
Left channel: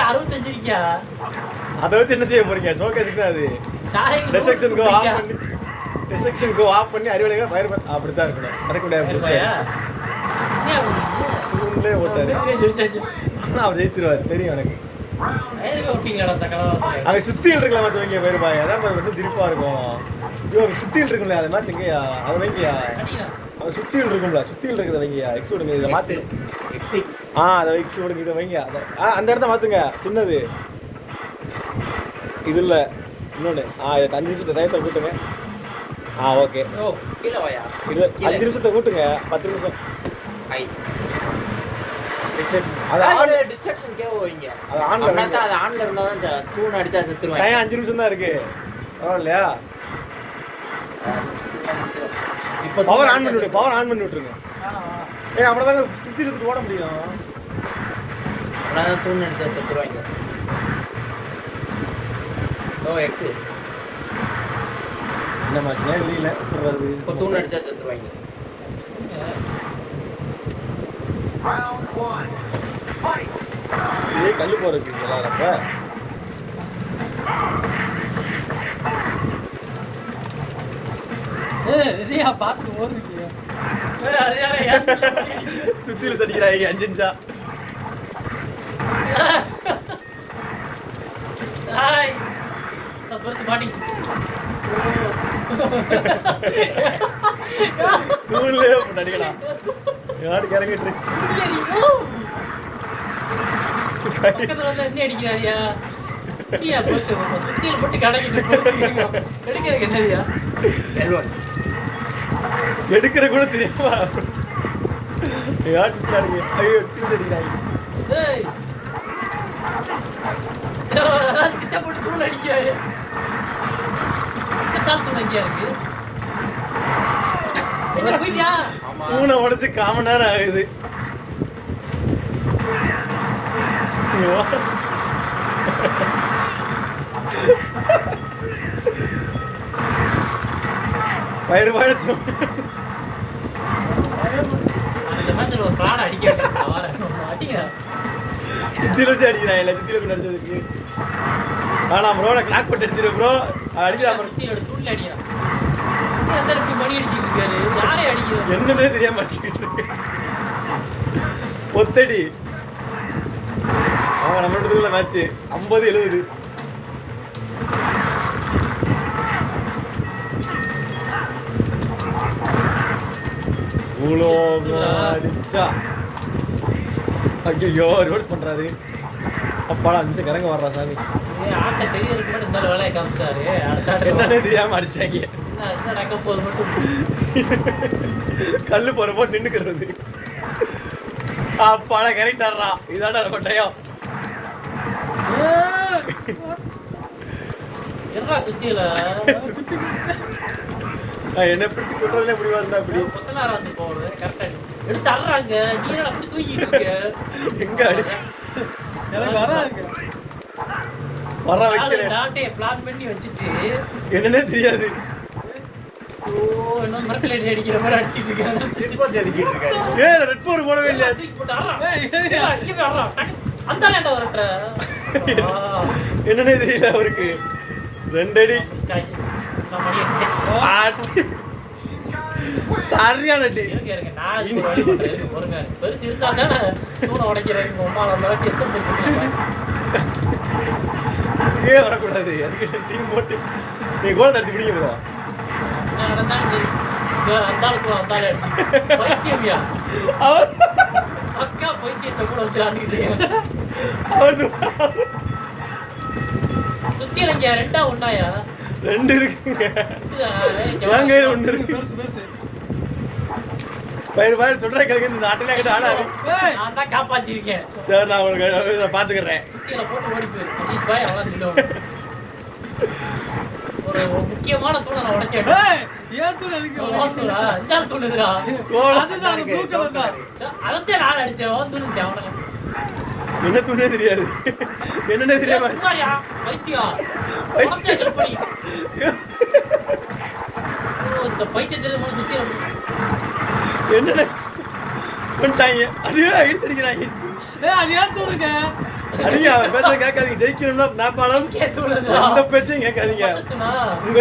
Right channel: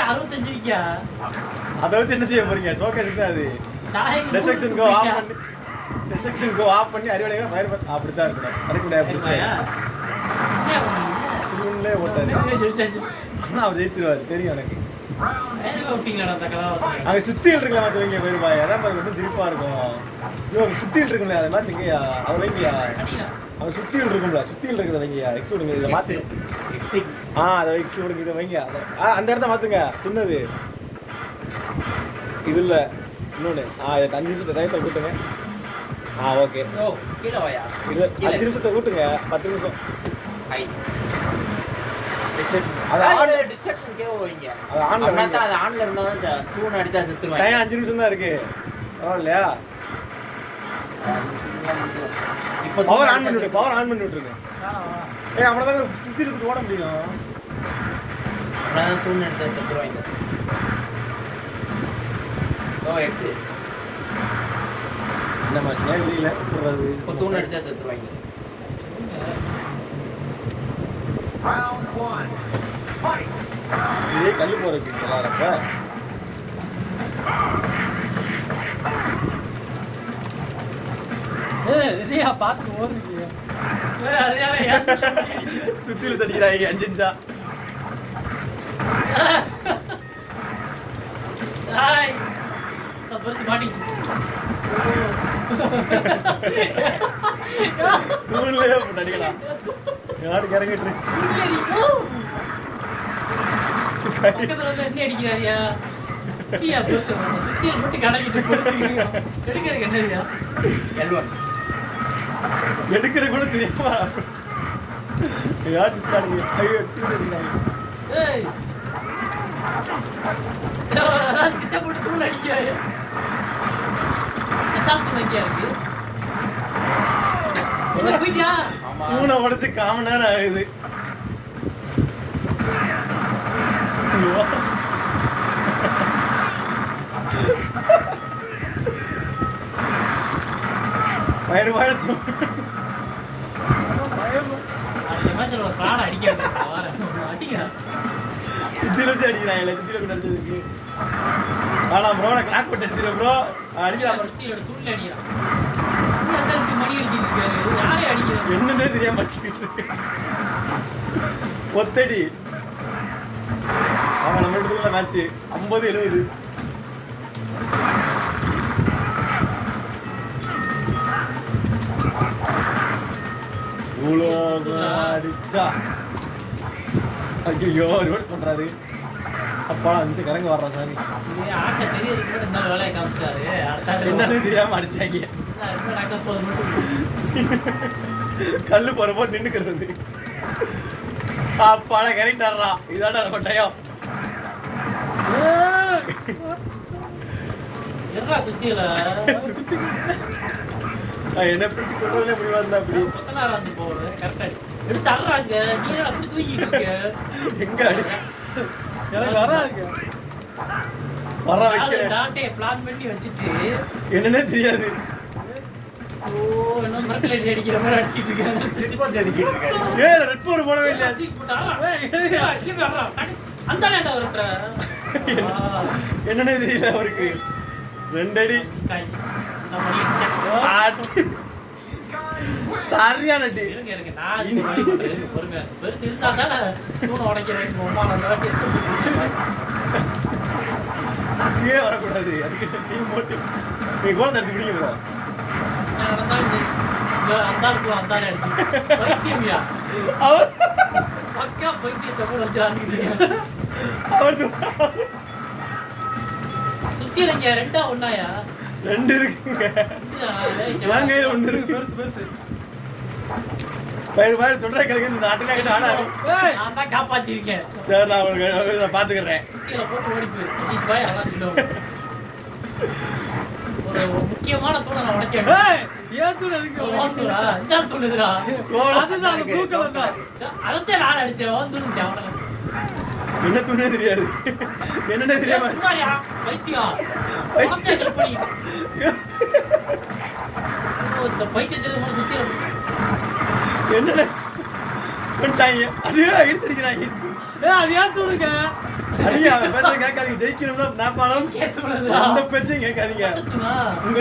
65 அதை வச்சு என்ன செய்ய போறீங்க? ஷோகேஸுக்கு தான் அது. டிஸ்ட்ரக்ஷன் கோ ஆஃப் பண்ணி டிஸ்ட்ரக்ஷன் கோ ஆஃப் பண்ணி அறிவுரைகளை ஃபயர் அப்படித்தான் இருக்கணும். கிடைக்கக்கூடாது. தூண்லேயே ஓட்டாது. ஆனால் அவர் ஜெயிச்சிருவார் தெரியும் எனக்கு. அங்கே சுத்தியில் இருக்கலாமா சொல்லுங்க வேறுபாய். அதான் ரொம்ப சிரிப்பாக இருக்கும். ஐயோ சுத்தியில் இருக்குல்ல அது மாதிரி செங்கயா அதை வைங்கயா. அவங்க சுத்தியில் இருக்கும்ல சுத்தியில் இருக்கிறத வைங்கயா. எக்ஸ் விடுங்க இதை மாற்று. அதை எக்ஸ் விடுங்க இதை வைங்க. அந்த இடத்த மாற்றுங்க. சின்னது இது இல்லை இன்னொன்று. 5 நிமிஷத்தை டயத்தை கூட்டுங்க. ஓகே கீழே வாயா. இது 5 நிமிஷத்தை கூட்டுங்க. 10 நிமிஷம். அது ஆன்ல டிஸ்ட்ராக்ஷனுக்கே வைங்க. அது ஆன்ல அப்படின்னா தான் அது ஆன்ல இருந்தா தான் தூண் அடிச்சா செத்துருவாங்க. டைம் 5 நிமிஷம் தான் இருக்கு. பரவாயில்லையா? இப்போ பவர் ஆன் பண்ணி விட்டுருங்க. ஏன் அவ்வளோதாங்க சுற்றி எடுத்துட்டு ஓட முடியும். அதான் தூண் அடிச்சா செத்துருவாங்க. ஓ எக்ஸு இந்த மாதம் இல்லையில சொல்கிறது இப்போ தூண் அடிச்சா செத்துருவாங்க. இதே கல் போகிறதுக்கு விளாட்றப்ப பார்த்துட்டு ஓடுறீங்க. சுத்தியில தடிக்கிறாங்க 5 இன்ச்சா. தூண்லயே தடிக்கலாம். யாரு கறங்கிட்டு பக்கத்துல வந்து என்ன அடிக்கிறாரியா? சுத்தியில் மட்டும் கடைக்கிட்டு எடுக்கிறதுக்கு என்னதியா? எடுக்கிற கூட தெரியாம யாரு பாருங்க. ஐயோ எடுக்கிறாங்க. கிட்ட போட்டு தூள் அடிக்கிறாரு. தூள் அடிக்கா இருக்கு. என்ன போயிட்டியா? தூணை உடைச்சு 1/4 மணி நேரம் ஆகுது. பயிர் பாய்ச்சு சுத்தியில வச்சு அடிக்கிறான். இல்லை சுத்தியில போய் அடிச்சதுக்கு வேணாம் ப்ரோ. நான் கிளாக் போட்டு அடிச்சிருவேன் ப்ரோ. அடிக்கலாம் தூள் அடிக்கிறான். மணி அடிச்சுட்டு இருக்காரு. யாரே அடிக்கிறான் என்னன்னே தெரியாம அடிச்சுக்கிட்டு இருக்கு. ஒத்தடி அவன் நம்மளோட மேட்ச் 50-70. இவ்வளோ அடிச்சா ஐயோ ரோட்ஸ் பண்றாரு. அப்பாடா 5 நிமிஷம் கரங்க வர்றா சாமி. ஆட்ட தெரியாது கூட இந்த வேலையை காமிச்சாரு. என்னன்னே தெரியாம அடிச்சாங்க. கல்லு போறப்போ நின்னுக்கிறது. அப்பாடா கரெக்டாடுறா. இதாடா நம்ம டயம். என்ன சுத்தியில என்ன பிடிச்சி கொட்டுறதுல முடியாது. அப்படி வந்து போறது கரெக்டா எடுத்து அல்றாங்க. நீ அப்படி தூக்கிட்டு இருக்க. எங்க அடி எனக்கு வராது. வர வைக்கிறேன். நாட்டே பிளான் பண்ணி வச்சிட்டு என்னன்னே தெரியாது. ஓ இன்னும் மரத்துல அடிக்கிற மாதிரி அடிச்சிட்டு இருக்காங்க. சிஸ்பாஸ் அடிக்கிட்டு இருக்காரு. ஏய் ரெட் போர் போடவே இல்ல. அந்த லேண்டா வரட்ட என்னன்னே தெரியல அவருக்கு. 2 அடி சரியான அடி. இருங்க நான் இது வழி பண்றேன். பொறுமையா பெருசு இருந்தா தானே தூணை உடைக்கிறேன். அந்த வாட்டி ஏ வரக்கூடாது. அதுக்கு டீம் போட்டு நீ கோல் அடிச்சு பிடிக்க ப்ரோ. அந்தாலே பைத்தியமியா அவர் அக்கா பைத்தியத்தை கூட வச்சு அவர் சுத்தியில இங்க 2 ஒண்ணாயா? 2 இருக்குங்க. வாங்க 1 இருக்கு. பெருசு பயிர் பயிர் சொல்ற கேட்க இந்த நாட்டுல கிட்ட ஆடாரு. நான் தான் காப்பாத்திருக்கேன். சரி நான் உங்களுக்கு பாத்துக்கிறேன். சுத்தியில போட்டு ஓடி போயிரு. அஜித் பாய் அவன் சொல்லுவான். ஒரு முக்கியமான தூணை நான் உடைச்சேன். ஏன் தூண் எதுக்கு ஓடுறா? இந்த தூணுதுடா. அதுதான் அது ப்ளூ கலர் தான். அதத்தே நான் அடிச்சேன். வந்து தூணு அவன. என்ன தூணே தெரியாது. என்னன்னே தெரியாம சுத்தாயா பைத்தியம். பைத்தியம் எப்படி? இந்த பைத்தியத்துல சுத்தி என்னடா பண்ணிட்டாங்க. அதுவே எடுத்துக்கிறாங்க. ஏய் அது ஏன் தூணுங்க? அடிங்க பேச கேட்காதீங்க. ஜெயிக்கணும்னா நான் பணம் கேட்கணும்ல. அந்த பேச்சையும் கேட்காதீங்க. உங்க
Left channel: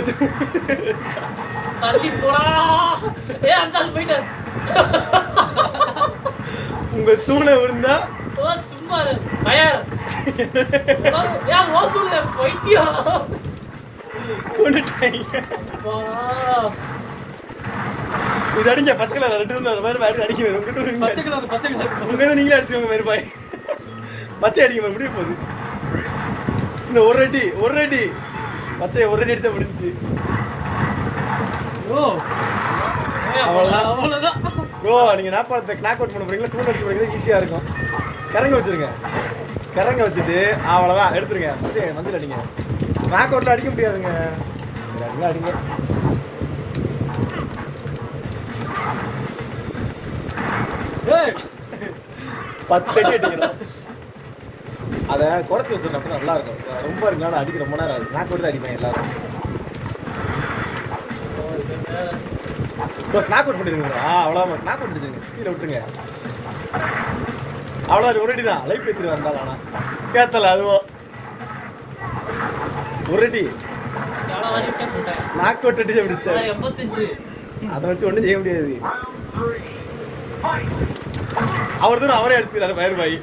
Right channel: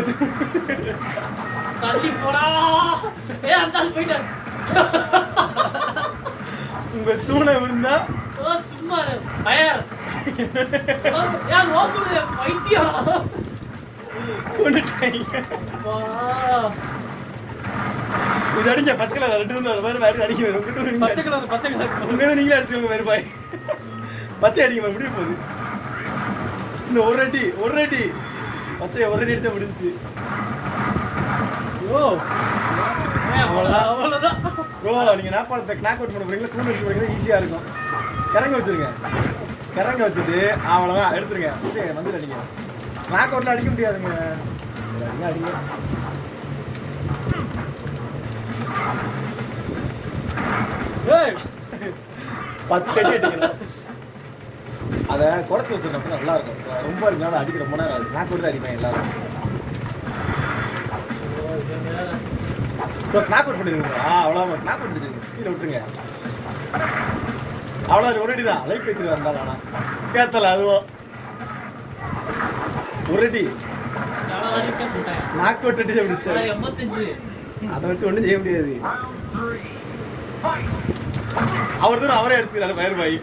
தள்ளி போடா. ஏய் அந்த ஆள் போயிட்டாரு. உங்க தூணை விழுந்தா ஓ சும்மா இரு. பயர். யார் ஓடுது பைத்தியம். கொண்டுட்டாங்க. போடா. இது அடிங்க பச்சை கலர் 2 பேர் அடிச்சு அடிக்க பச்சை கலர் உங்க நீங்களே அடிச்சுவாங்க வேறு பாய். பச்சை அடிக்க முடிய போகுது. இந்த ஒரு அடி பச்சை ஒரு அடி அடிச்சா முடிஞ்சு. ஓ அவ்வளவுதான். ப்ரோ நீங்கள் நாப்பாளத்தை கிளாக் அவுட் பண்ண போகிறீங்களா தூண் அடிச்சு போகிறீங்களா ஈஸியாக இருக்கும். கிறங்க வச்சுருங்க. கிறங்க வச்சுட்டு அவ்வளோதான் எடுத்துருங்க. சரி மந்தில் அடிங்க. கிளாக் அவுட்டில் அடிக்க முடியாதுங்க. அடிங்க. டேய் 10 அடி அடிக்கணும். அதை குறைச்சி வச்சுருக்கேன் நல்லா இருக்கும். ரொம்ப இருந்தாலும் அடிக்கிற ரொம்ப நேரம் கிளாக் அவுட் தான் அடிப்பேன் எல்லாரும். இப்போ கிளாக் அவுட் பண்ணிடுவீங்களா? அவ்வளோதான் கிளாக் அவுட் பண்ணிடுங்க. கீழே விட்டுருங்க. அவ்வளோ ஒரு அடி தான் லைஃப் எடுத்துட்டு வந்தாலும் ஆனால் பேத்தல அதுவும் ஒரு அடி நாக் அவுட் அடிச்சு முடிச்சிட்டாரு. 85 அதை வச்சு ஒன்றும் செய்ய முடியாது. அவர் தான் அவரே எடுத்துக்கிறாரு பயிர் பாய்.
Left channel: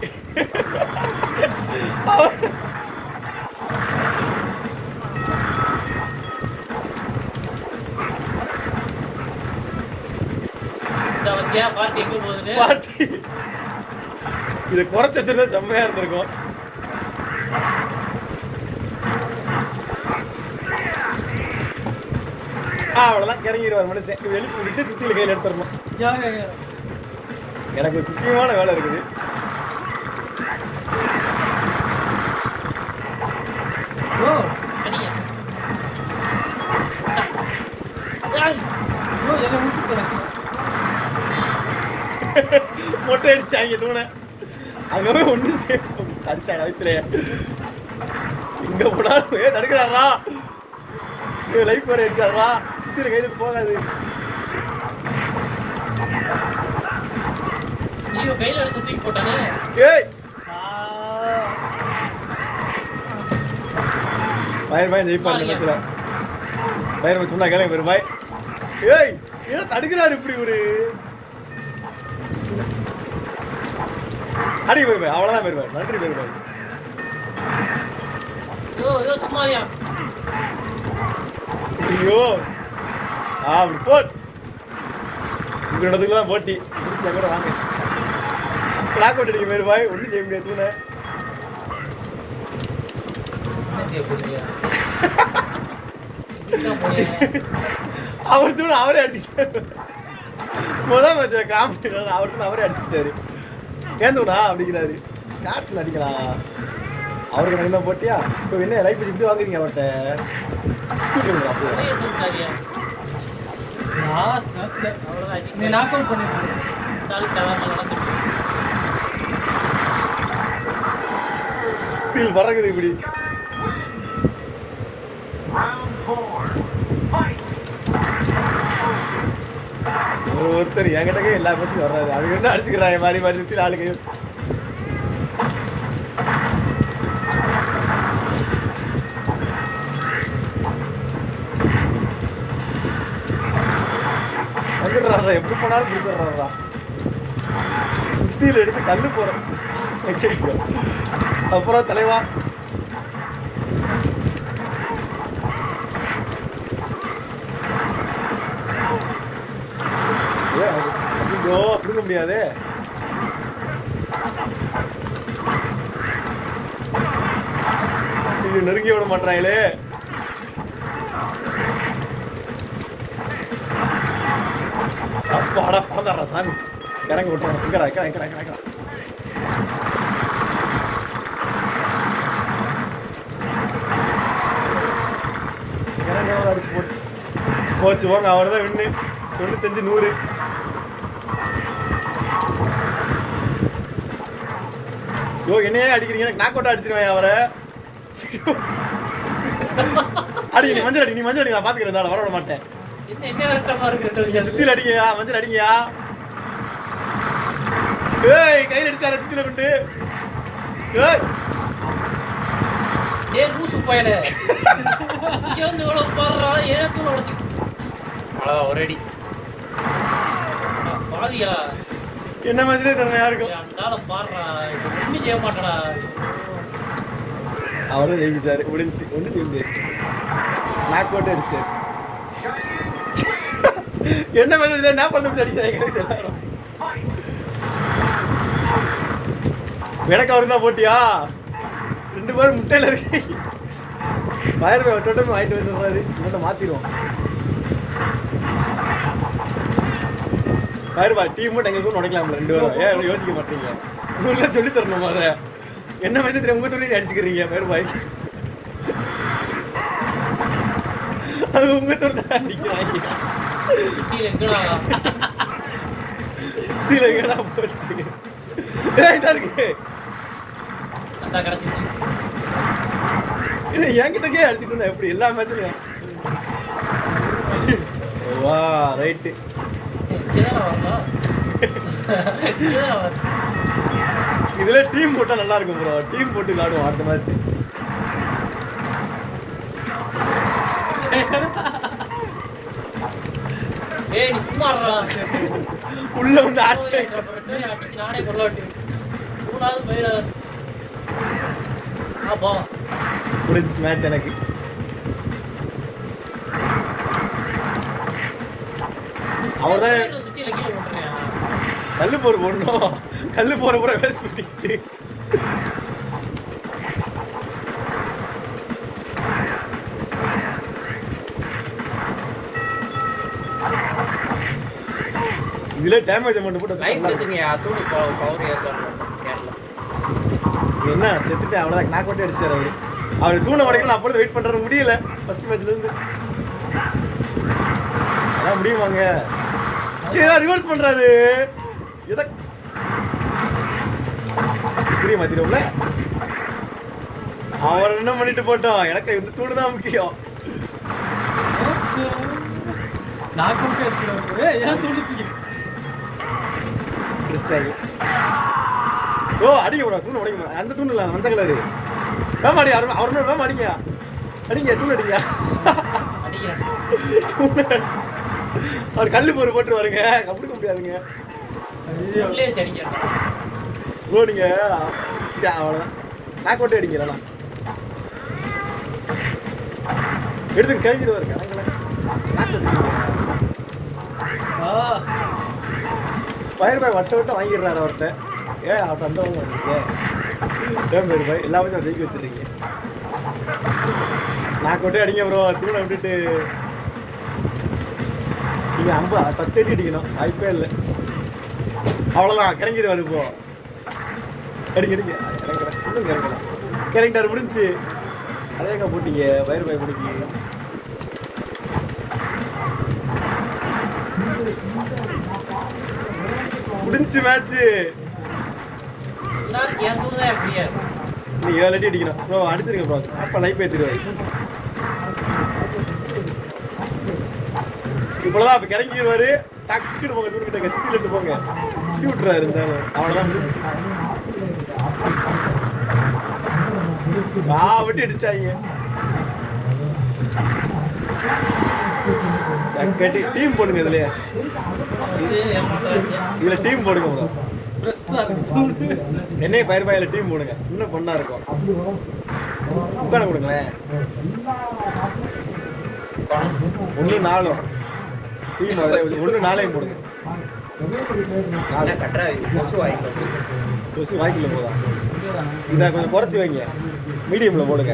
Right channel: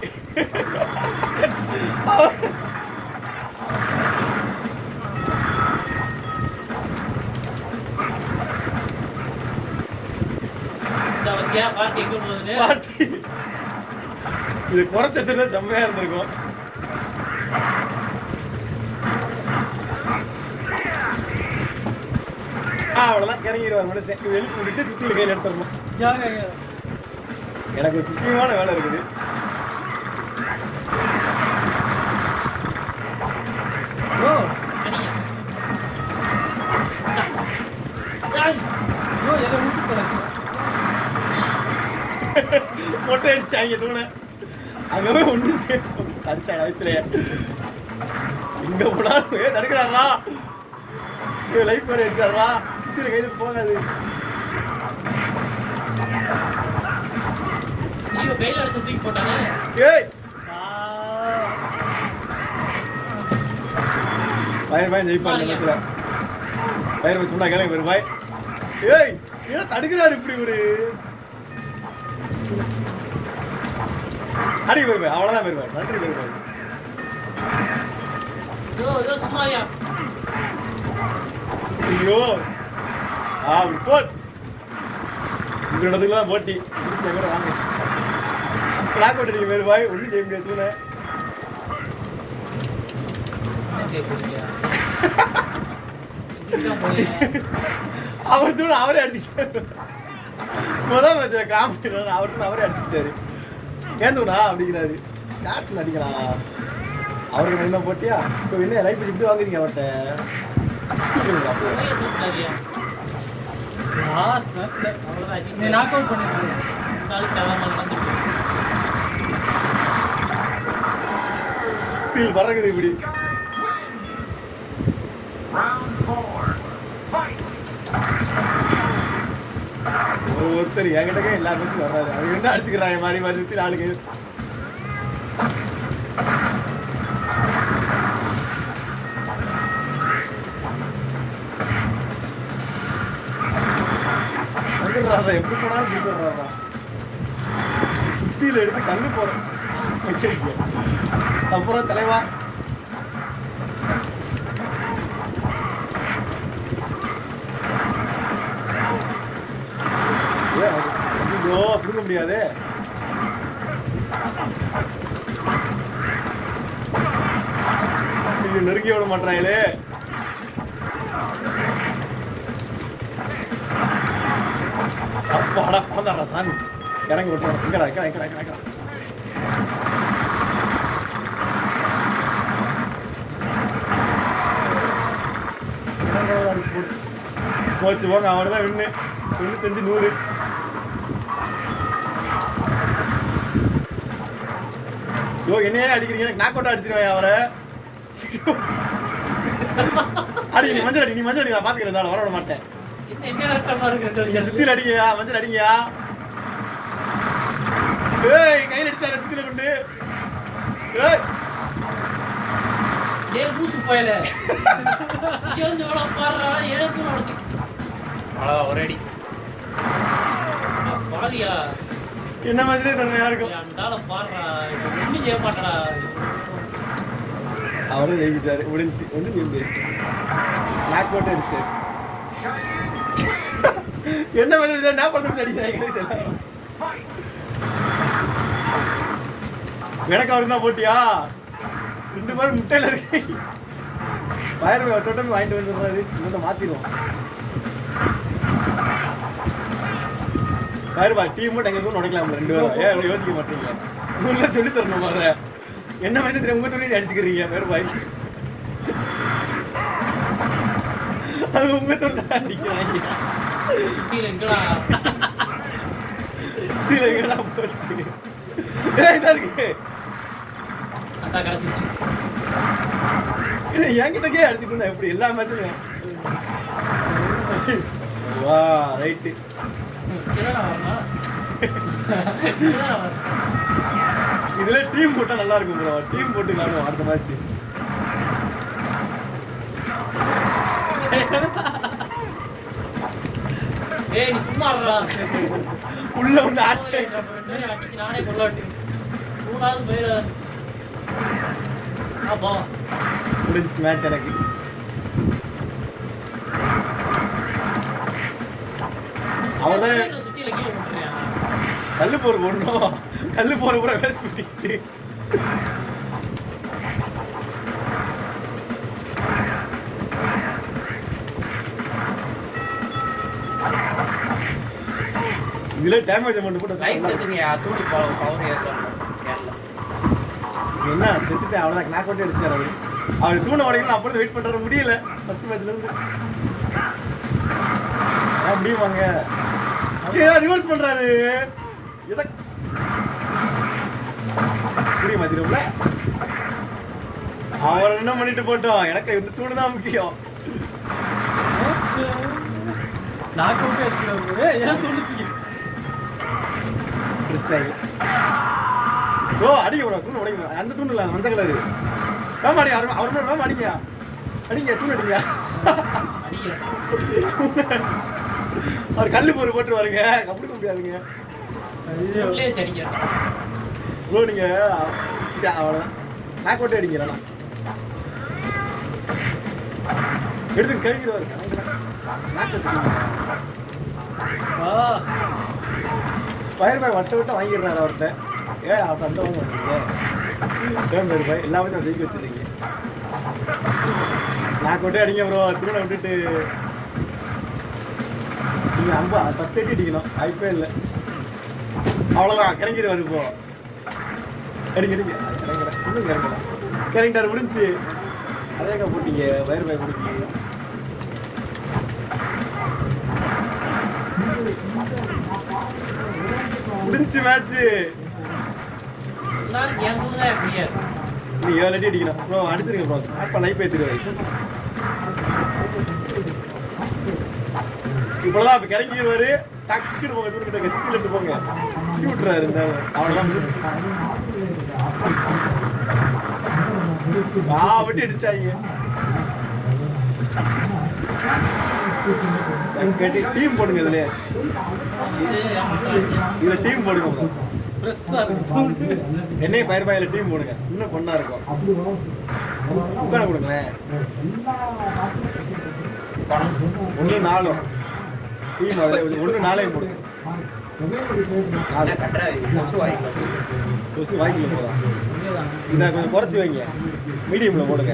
பாட்டி இது குறைச்சி வச்சிருந்தா செம்மையா இருந்திருக்கும். அவ்வளோதான் இறங்கிடுவார் மனுஷன். வெளியே விட்டு சுற்றியில் கையில் எடுத்துடணும். எனக்கு முக்கியமான வேலை இருக்குது. மொட்டை அடிச்சிட்டாங்க தூணை. அங்கே ஒன்று அடிச்சா லைஃப்ல இங்க போனாலும் தடுக்கிறாரா லைஃப் வேற இருக்காரா சுற்றி கையிலுக்கு போகாது. கையில சுத்தி போட்டானே. ஏய் பயிர் பாய் ஜெயிப்பார் நினைக்கிற பயிர் சொன்னா கேள்வி பெரும் பாய். ஏய் ஏன் தடுக்கிறாரு இப்படி ஒரு அடி பெருமாய். அவ்வளோதான் பெருமாய். நன்றி பெருமாய். ஐயோ போட் உங்களோடதுலாம் போட்டி கூட வாங்க. கிளாக் அவுட் அடிக்க வேறு பாய் ஒன்றும் செய்ய முடியாது. அவர் தூண் அவரே அடிச்சுட்டாரு. முதல் வச்ச காமெடி அவருக்கு அவரே அடிச்சுட்டாரு. கேந்துடா அப்படிங்கிறாரு. நாட்டில் அடிக்கலாம் அவருக்கு என்ன போட்டியா? இப்போ என்ன லைஃப் இப்படி வாங்குறீங்க அவர்கிட்ட? நீ நாக் அவுட் பண்ணிருக்க. கீழ் பறக்குது இப்படி. ஒருத்தர் என்கிட்ட எல்லா பேச்சும் வர்றாரு. அவங்க என்ன அடிச்சுக்கிறாங்க மாறி மாறி சுற்றி ஆளுங்க. வந்துடுறாரா எப்படி போனாலும் பிடிச்சிடுறாரா. சுத்தியில் எடுத்து தள்ளி போறேன். அப்புறம் தலைவா ஐயோ பிடிக்க முடியாது. நெருங்கி விட மாட்டாங்களே. அப்பாடா பறந்தாடா சாமி. இறங்கி விட்டுறேன். எங்கடா எங்கடா எங்கடா எங்கடா அடிச்சு போட்டு போச்சு போங்க. அவர் தான் வின்னு 95 100. யோ என்னையே அடிக்கிறீங்க. எனக்கு நாக் அவுட் அடிச்சிருவேன் அவரை. அடி நீ மஞ்சள் அடி. நீ மஞ்சள் அடி. நான் பார்த்துக்கிறேன். வர விட மாட்டேன். சுத்தியில் அடிங்கயா. மஞ்சள் அடிங்கயா. ஏய் கையில் அடிச்சார சுத்தியில் கொண்டு. ஏய் லூசு பயலே. இங்க வந்து வள பாறா. ஏன் தூண உடைச்சு. அவ்வளவுதான் ஒரு அடி. பாதியா என்ன மாதிரி தரணும் யாருக்கும். அண்டால பாறா. ஒண்ணும் செய்ய மாட்டடா. அவரே ஜெயிச்சாரு. முடிஞ்சு ஒன்றும் ஜெயிச்சு நாக் போட்டு அடிச்சிட்டாரு. என்ன மாதிரி என்ன பண்ணு அடிச்சாங்க. எனக்கு அவரு தான் போட்டியா? 2 பேரும் முட்டையில இருக்கு. பயிர் டோட்டல் வாங்கிட்டு வந்துடுறாரு. இவங்க மாத்திடுவோம். பாருப்பா டீம் மட்டும் எங்க உடைக்கலாம் 2 பேரும் ஏன் யோசிக்க மாட்டீங்க உங்களுக்கு சொல்லி தரணும் அதை என்ன மாதிரி தெரியும் உங்க துணி அடிச்சுக்கிறீங்க பாருப்பாய் அது உங்க துணி அடிக்கிறாங்க கீழே எங்கடா கீழே எங்கடா போச்சு இதான் இருக்கு அதான் கிடச்சிச்சு. என்கிட்டக்கே அடிச்சுட்டு இருந்தா எப்படி எல்லா மேட்சுமே வா ரைட்டு இங்கதானே வரணும். இங்கதானே வரணும். இதுல டீம் போட்டா நல்லா இருக்கும் ப்ரோ டீம் போட்டு விளையாடுவோம் அடுத்த மேட்ச் ஏய், நீ சும்மா இருடா. உள்ள வந்து ஆட்டு நானே கொள்ளாட்டி மூணாவது போயிடாத. போ முடிஞ்சு மேட்ச் எனக்கு அவர்தான் சுத்தியில கீழே போட்டுறியா? கல்லு போடணும் கல்லு போற பூரா வேஸ்ட் பண்ணிட்டு இதுல டேமேஜ் அமௌண்ட் போட்டு லைட் எடுத்துங்க தூடி பவர் ஏத்தணும் கேரளா என்ன செத்துட்டு அவ்வளோதான் கிளாக் அவுட் அடிச்சிட்டாரு அவரு அவர் தூணை உடைக்கணும் அப்போ வெயிட் பண்றது முடியல ஃபர்ஸ்ட் மேட்ச்ல இருந்து அதான் முடியுமாங்க ரிவர்ஸ் பண்றாரு இத புரியுமா தெரியும்ல அவர் என்ன பண்ணிட்டு போட்டோம் எனக்கு இந்த தூணு தான் முக்கியம் நாக் அவுட் ஆயிடுச்சு ஏன் தூண்டிட்டு கிறிஸ்டாகு ஓ அடிக்க ப்ரோ தூண் உடைக்கணும் அந்த தூண் இல்லை மஞ்சள் கலரு வேமா அடி அவர் வேமா அடிங்க அடிங்க தூண் அடிங்க அடிக்கிறேன். அவர் கல்லு போட்டு போட்டு வருங்க கப்பிடிக்க முடியாதுங்க உள்ளே வச்சு அடிக்கிறேன். ப்ரோ நீங்க அவனை நாக் அவுட்டே அடிக்கிறேண்ணா எடுத்து கேட்கிடுவாரு ஃபயர் பாய் வட்ட வட்டம் வாங்கிடுறாரு அவர்கிட்ட ஏன் அவர்கிட்ட அந்த வாங்க எல்லாமே ஜெயிக்க வச்சுருக்கீங்க நாக் அவுட்டே அடிங்க ப்ரோ தூணை விட்டுட்டு நீங்கள் 10 அடி அடிக்கணும் வாய்ப்பே இல்லை அவ்வளோதான் கிறங்கிடுவார் இப்போ அடிங்க அடிங்க இன்னும் கிறங்கலாம் கிறங்கிட்டார் முடிஞ்சு அதே போட்டீங்க வயிறு பாய் கொடுக்கீங்க முடிஞ்சு மேட்ச்சு எல்லாரும் என் தூள் தான் எப்படியா நீ 7 அடி அடிக்கணும் ப்ரோ அடிச்சிருங்க ப்ரோ அப்போ லைஃப் ஏற்றிடுவாரு இப்போதான் இப்போ கிறங்கிடுவாரு டக்குன்னு போங்க தூக்கிட்டாங்க சிக்கிட்டு போங்க விட்டுறாரு இருந்தாலும் அவ்வளோதான் முடிஞ்சு விட்டு அடிச்சிட்டாங்க டீம் போடுங்க இதுல இதுல டீம் போடுங்க முதல்ல. என்னைய பயிர் பாயில டீம் போடுங்க இன்னும் பொண்ணா இருக்கும் உட்கார கொடுங்க 1 4 டீம் 1 4 போடுங்க கட்டுற கொசு வாங்கிக்கலாம் கொசு வாங்கிக்கல போதா இதை கொஞ்சம் குறைச்சி வைங்க மீடியமில் போடுங்க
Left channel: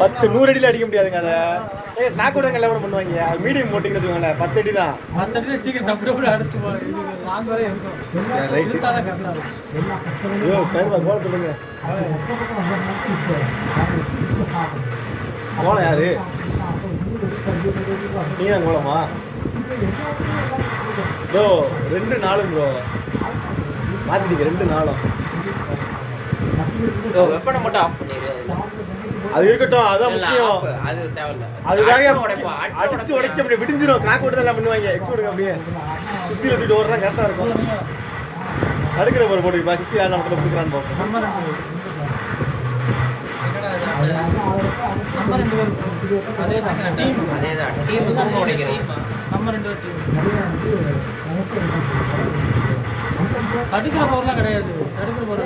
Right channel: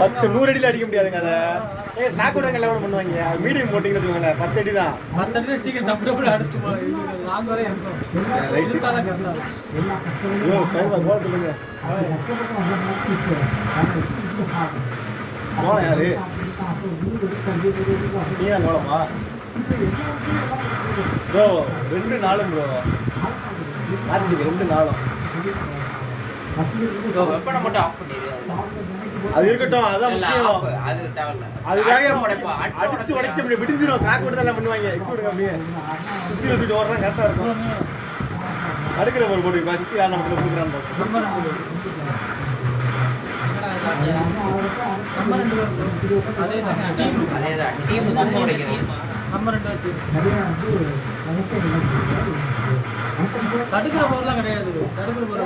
10 100 அடியில் அடிக்க முடியாதுங்க அதை நான் கூட நல்லா கூட பண்ணுவாங்க மீடியம் போட்டிங்கன்னு வச்சுக்கோங்களேன் 10 அடி தான் 10 அடி சீக்கிரம் தப்பு தப்பு அடிச்சுட்டு போய் நாங்க வரை இருக்கோம் ஐயோ பேருமா கோல சொல்லுங்க கோலம் யாரு நீ தான் கோலமா ப்ரோ 2 4 ப்ரோ மாத்திட்டீங்க 2 4 வெப்பனை மட்டும் ஆஃப் பண்ணிடு அது இருக்கட்டும் அதான் முக்கியம் அது தேவையில்ல அதுக்காக அடிச்சு உடைக்க முடியும் விடிஞ்சிரும் கிளாக் போட்டு எல்லாம் பண்ணுவாங்க எக்ஸ் போடுங்க அப்படியே சுற்றி வச்சுட்டு ஓடுறா கரெக்டாக இருக்கும் அடுக்கிற போகிற போட்டு சுற்றி யார் நமக்கு கொடுக்குறான்னு பார்ப்போம் அதேதான் டீம் தான் உடைக்கிறது நம்ம 2 தடுக்கிற பவர்லாம் கிடையாது தடுக்கிற பவர்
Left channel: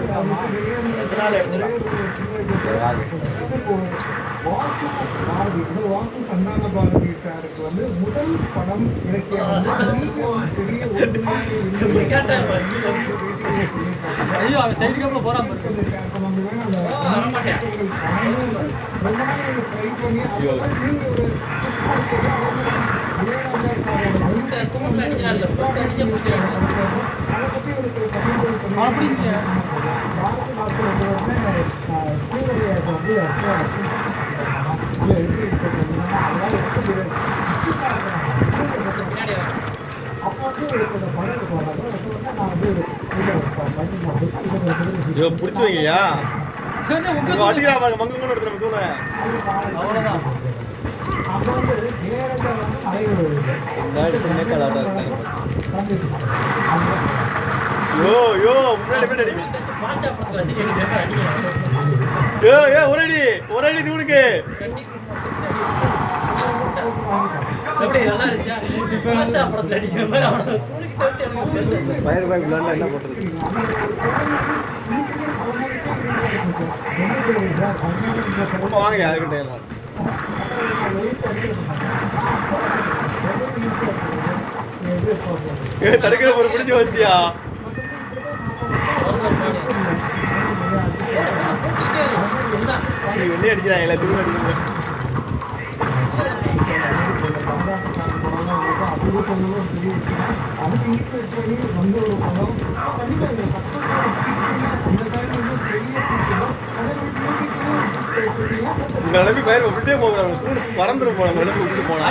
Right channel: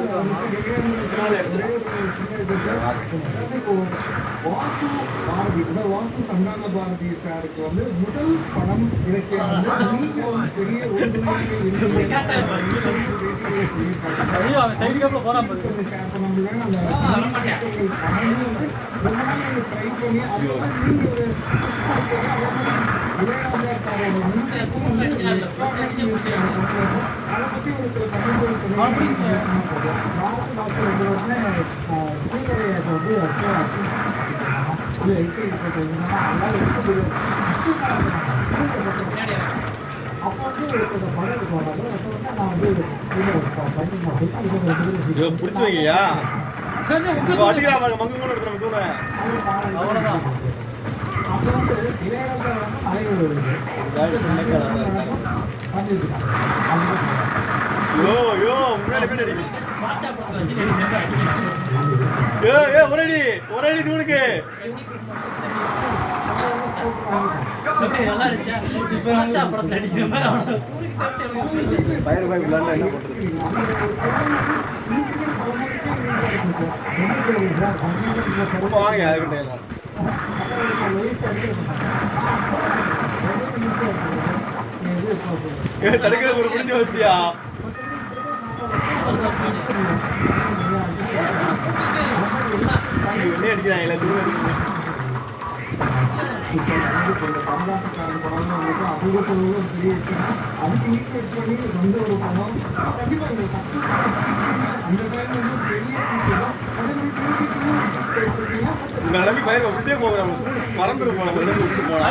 வாசு சந்தான பாரதி சாருக்கு வந்து முதல் படம் இலக்கியம் பெரிய ஐயோ அவன் சைடு கேப்ல போறான் ட்ரை பண்ணி தூண் அடிச்சா இல்ல பஸ் அடிச்சு முடியாது. அதை பற்றி ஒரு சில கருத்துக்கள் சொல்லி டாக்டர் வந்து சீவரையை வந்து இல்லை எப்படி இருக்கிறதுனா அதெல்லாம் இருக்க முடியாது. பின்னாடி அப்போ வந்து ஒரு படம் போறாங்க. அப்போ வந்து நான் வந்து இதை பிடிச்சி வைங்கய்யா. இப்போ அடிக்கிறா பாருங்க மங்கங்களும் எடுத்து நம்ம தூண. அப்போ வந்து இளையராஜா வந்து மலைகள் வருது. யோ யோ முன்னாடி போய் அடிங்க. பாச்சா பக்கத்துல வச்சு ஒரு அடி தூணுக்கு. எப்படி நல்லா இருந்துச்சா? பாச்சா படத்துல அடிக்கிற மாதிரி அவனை தூக்கிட்டு வச்சு எனக்கு பயர் பாய் விளையாண்டா என்ன பண்றது? ரொம்ப வாங்க யாருக்கிட்ட எல்லாம். தடுக்கிற ஒரு பிடிச்சி வச்சியா? என்ன அடிக்கிறாங்க எல்லாத்தையும் அடிக்கிறீங்க. இந்த நிலைமை பயிர் விட்டே போகிறோம். பறந்துட்டு போனோம். நிலைமை விட்டு போனோம்.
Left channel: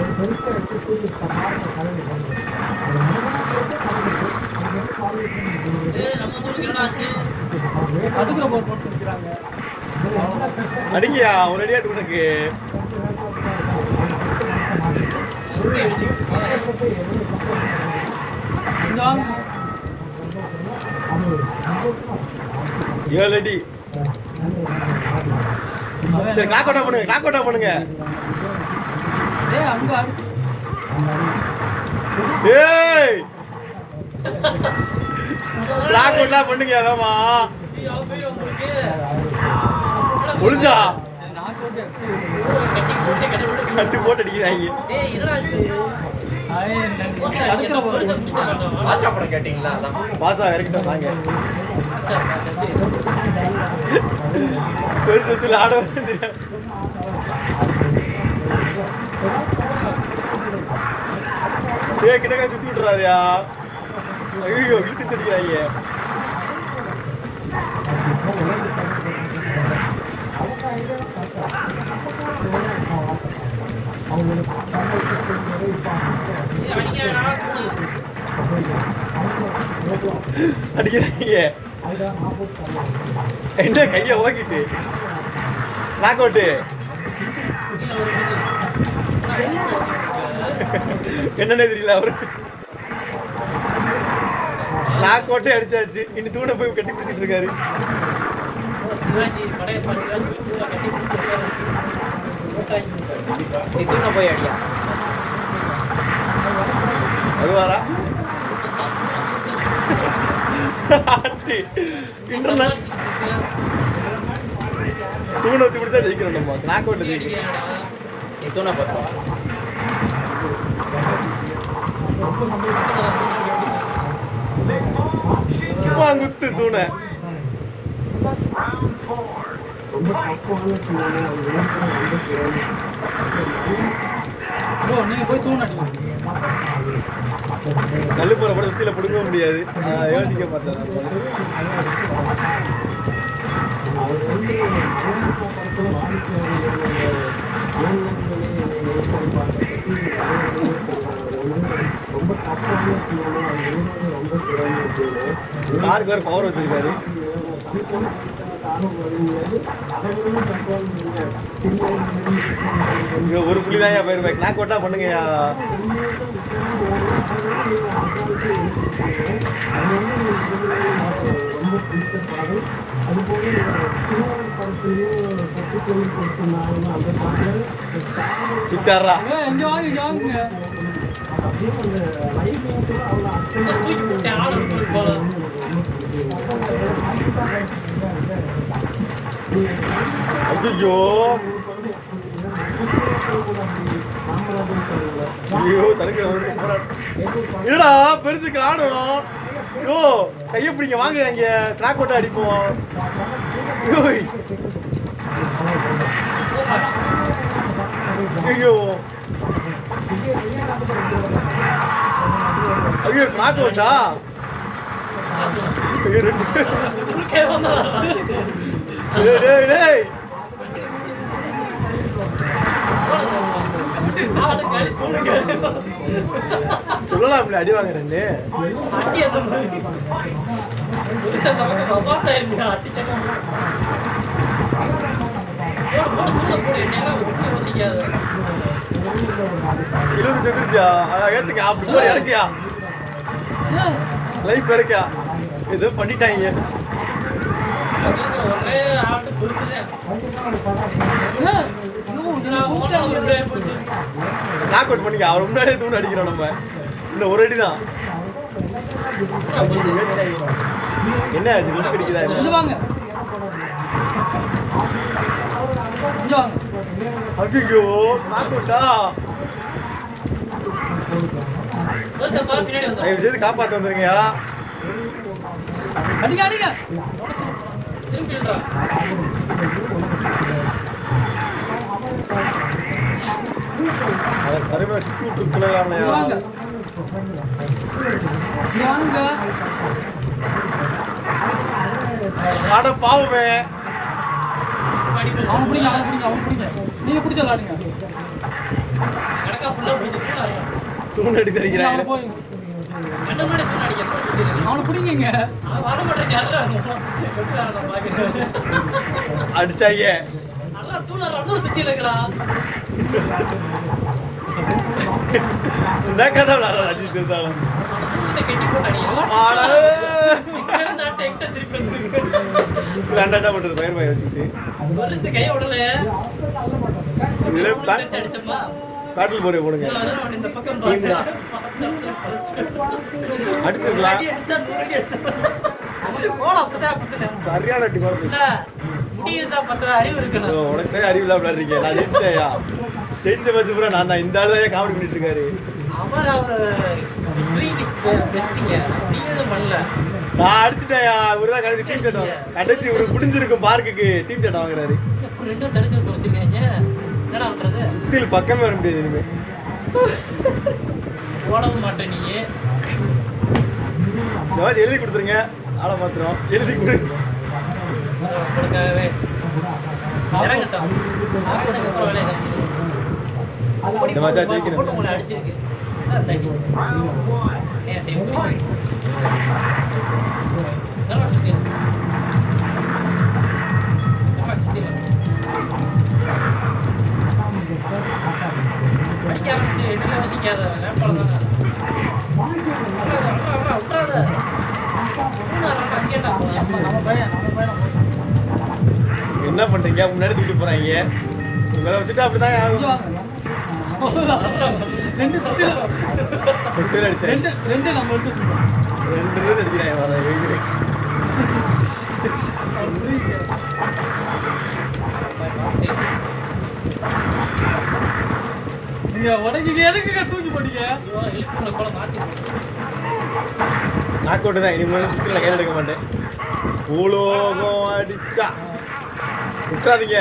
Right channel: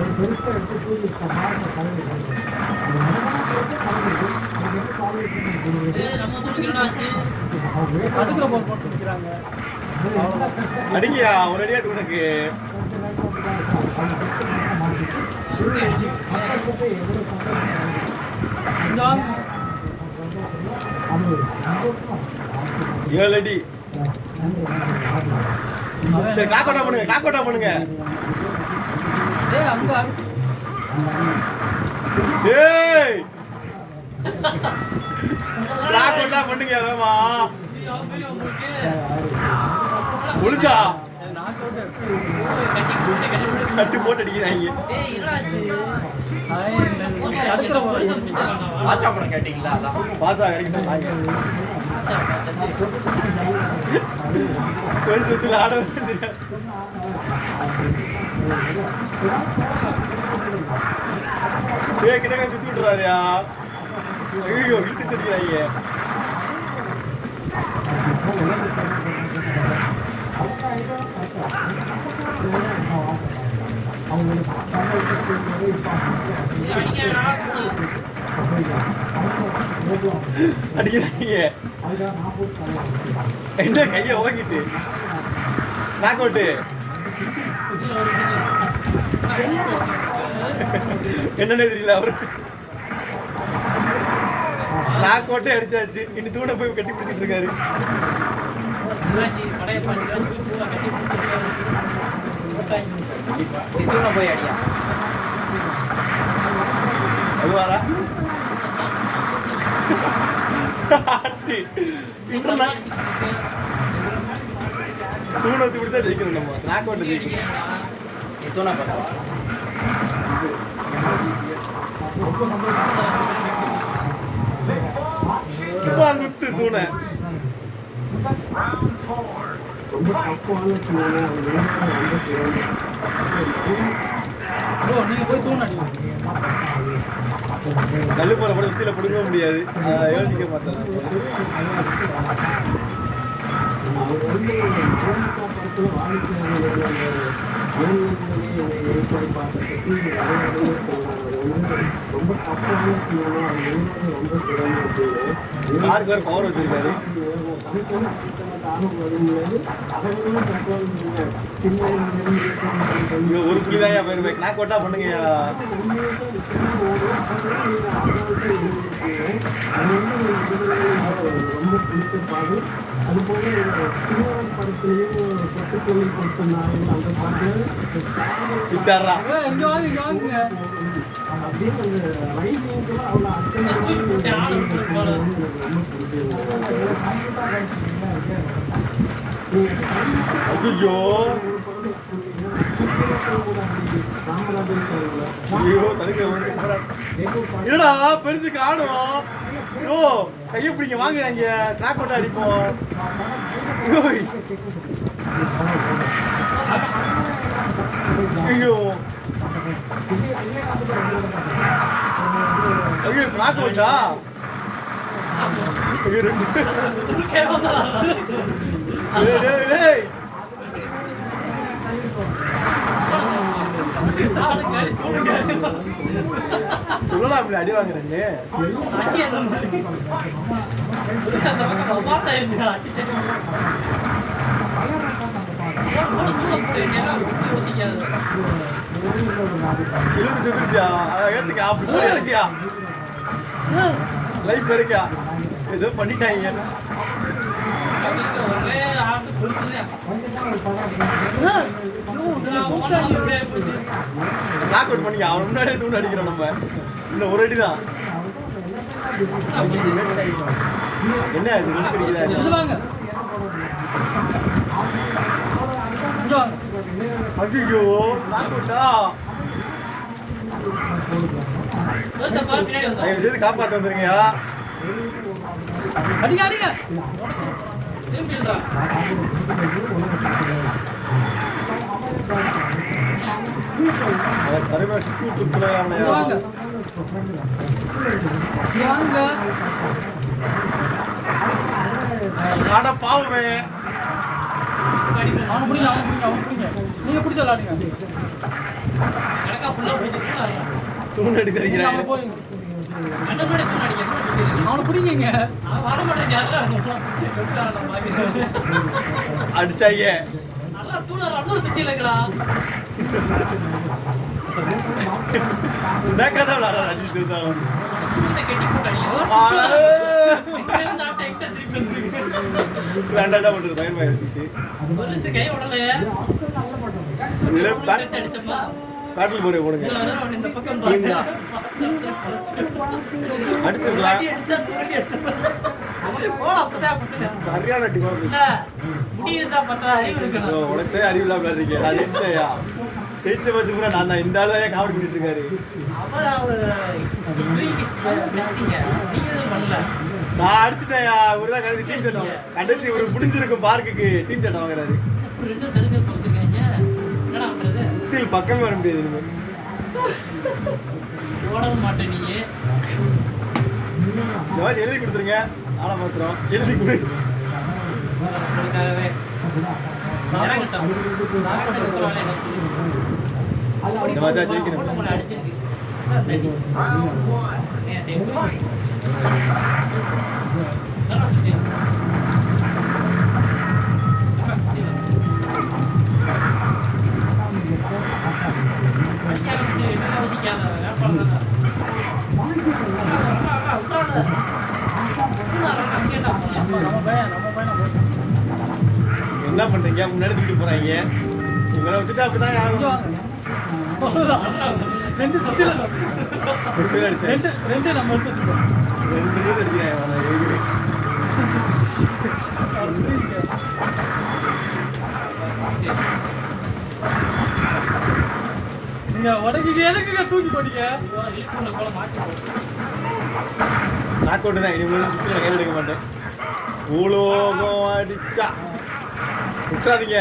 ஒரு பெருசா எடுத்து தூக்கி அடிங்கயா ஒரு அடியாட்டு உனக்கு. ஏழு அடி. சரி காக்கோட்டா பண்ணுங்க. ஏய் காக்கோட்டா பண்ணுங்க வேமா. முடிஞ்சா கட்டி போட்டு அடிக்கிறாங்க. பாச்சா படம் கேட்டீங்களா? அதான் பாசா வரைக்கும் தாங்க பெருசு ஆட கிட்டவே சுத்தி விட்டுறாருயா. ஐயோ இட்டு தெரியாங்க. அடிக்கிறாங்க. என்ன கையை ஓக்கிட்டு நாக் அவுட்டு. என்னன்னு தெரியல அவருக்கு. நாக் அவுட்டே அடிச்சாச்சு. இன்னும் தூட போய் கட்டி பிடிச்சிட்டு இருக்காரு. போய் அடியா அதுவாரா தூண வச்சு கொடுத்தா ஜெயிக்கணும். நம்ம நாக் அவுட் தூணை பார்த்தா குத்து தூணை. ரொம்ப தப்பான தள்ளு போற படம் கீழே பிடிக்க முடியாது. யோசிக்க மாட்டேன். ரொம்ப தப்பான ரொம்ப சிறந்தது. யார் பேர் பவர் வச்சிருக்காரு? ஒரு புள்ளிதான் என் பேர். நான் கொட்டா பண்ணுங்கய்யா. ரொம்ப பிடிச்ச பாடு. அதுபோல சினிமா படத்திலையும் பட்டுக்கோயில் கொடுத்திருந்தாங்க. அந்த பாட்டில் சித்தாரா அப்படியே அந்த லைஃப் கூட அவ்வளோ ஐயோ ஐயோ தடுக்க என்னடா பெருசு காணும். ஓ கையை பிடிங்க வாங்குறாங்க. ட்ராக் போட்டு அடிப்போம். ஐயோ ஐயோ நாக்கு விட்டா சொல்லலாம் அடி வாங்குறேன்னு ஏத்துக்கா அப்படி இருக்கியா லைஃப் இருக்கியா ஏதோ பண்ணிட்டாங்க நாக் அவுட் பண்ணிக்க அவர் முன்னாடியே தூண் அடிக்கிறோம் நம்ம இன்னும் ஒரு அடி தான் என்ன ஆச்சு விட்டு பிடிக்கல ஐயோ நாக் அவுட்டா காப்பாற்ற வந்துருங்கயா அடிங்க அடிங்க தருமை சுத்தி ஆட பாவமே அவன் பிடிங்க அவன் பிடிங்க அவன் பிடிங்க நீங்க பிடிச்ச விளாடுங்க தூண் அடிக்கிறீங்க அவன் போய் அவனை பிடிங்க அடிச்சாங்க என்ன கதை காட்டில் போறே போடுங்க அடிச்சுக்கலாம் சரியான உனக்கு அறிவில்லாம இருக்கீங்க நான் ஜெயிச்சிட்டேயா ஜெயிச்ச பட்சம் கூட நான் தான் இந்த ஆளு தான் காமெடி பண்ணிட்டு இருக்காரு நான் அடிச்சுட்டேயா இவருதான் கடைசி டீம் சட்டம் கடைசி இவருக்கு முடிஞ்சிருக்கும் பார்க்குக்கு டீம் சட்டம் வாங்குறாரு சுத்தியில் பக்கமே வர முடியாது இனிமே ஓடவும் மாட்டேன் நீ எழுதி கொடுத்துருங்க ஆளை மாத்திரம் எழுதி கொடு இந்த மாதிரி ஜெயிக்கணும் அடிச்சிருக்கு என்ன பண்றீங்க முன்னாடி தூக்கிட்டு போறாங்க உங்களை வச்சுட்டு அப்படிதான் ரெண்டு நம்ம எடுத்து உடனே எதுக்குங்க தூக்கி போட்டீங்க நாக் அவுட் தான் இனிமேல் சுற்றுலா கையில் எடுக்க மாட்டேன் பூலோகம் அடிச்சா விட்டுறாதீங்க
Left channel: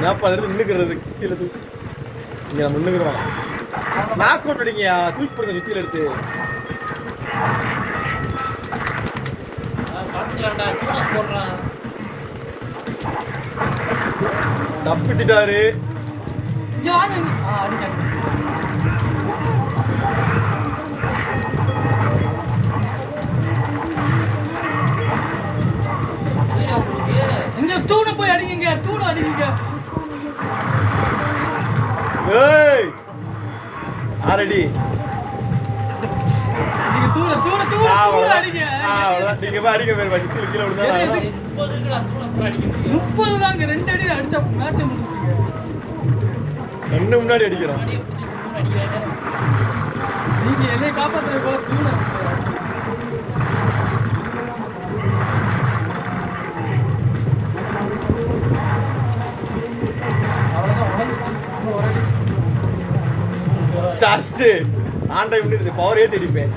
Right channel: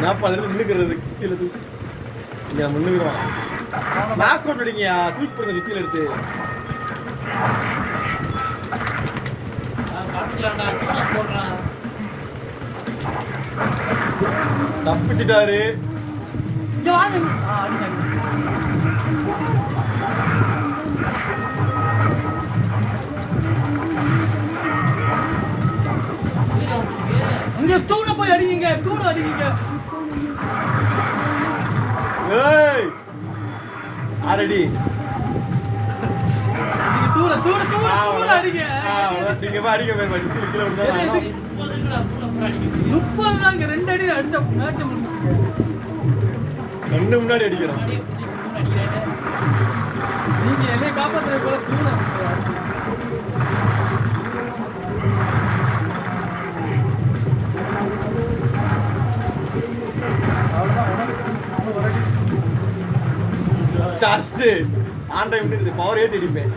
நான் பதினஞ்சு முன்னுக்கிறது கீழே இல்லை முன்னுக்குறோம் நாக் அவுட் அடிங்கயா தூக்கி போடுங்க சுத்தியில் எடுத்து தப்பிச்சுட்டாரு இங்க தூண போய் அடிங்க தூண அடிங்க ஏய் ஆரடி நீங்க தூண தூண தூண தூண அடிங்க அவ்வளவுதான் நீங்க போய் அடிக்க போய் வண்டி கீழே விழுந்தா 30 தாங்க 2 அடி அடிச்சா மேட்ச் முடிஞ்சுங்க கண்ணு முன்னாடி அடிக்கிறோம் நீங்க என்னை காப்பாத்துறது போல தூண ஜஸ்ட் ஆன் டைம் பவரே தெரிப்பேன்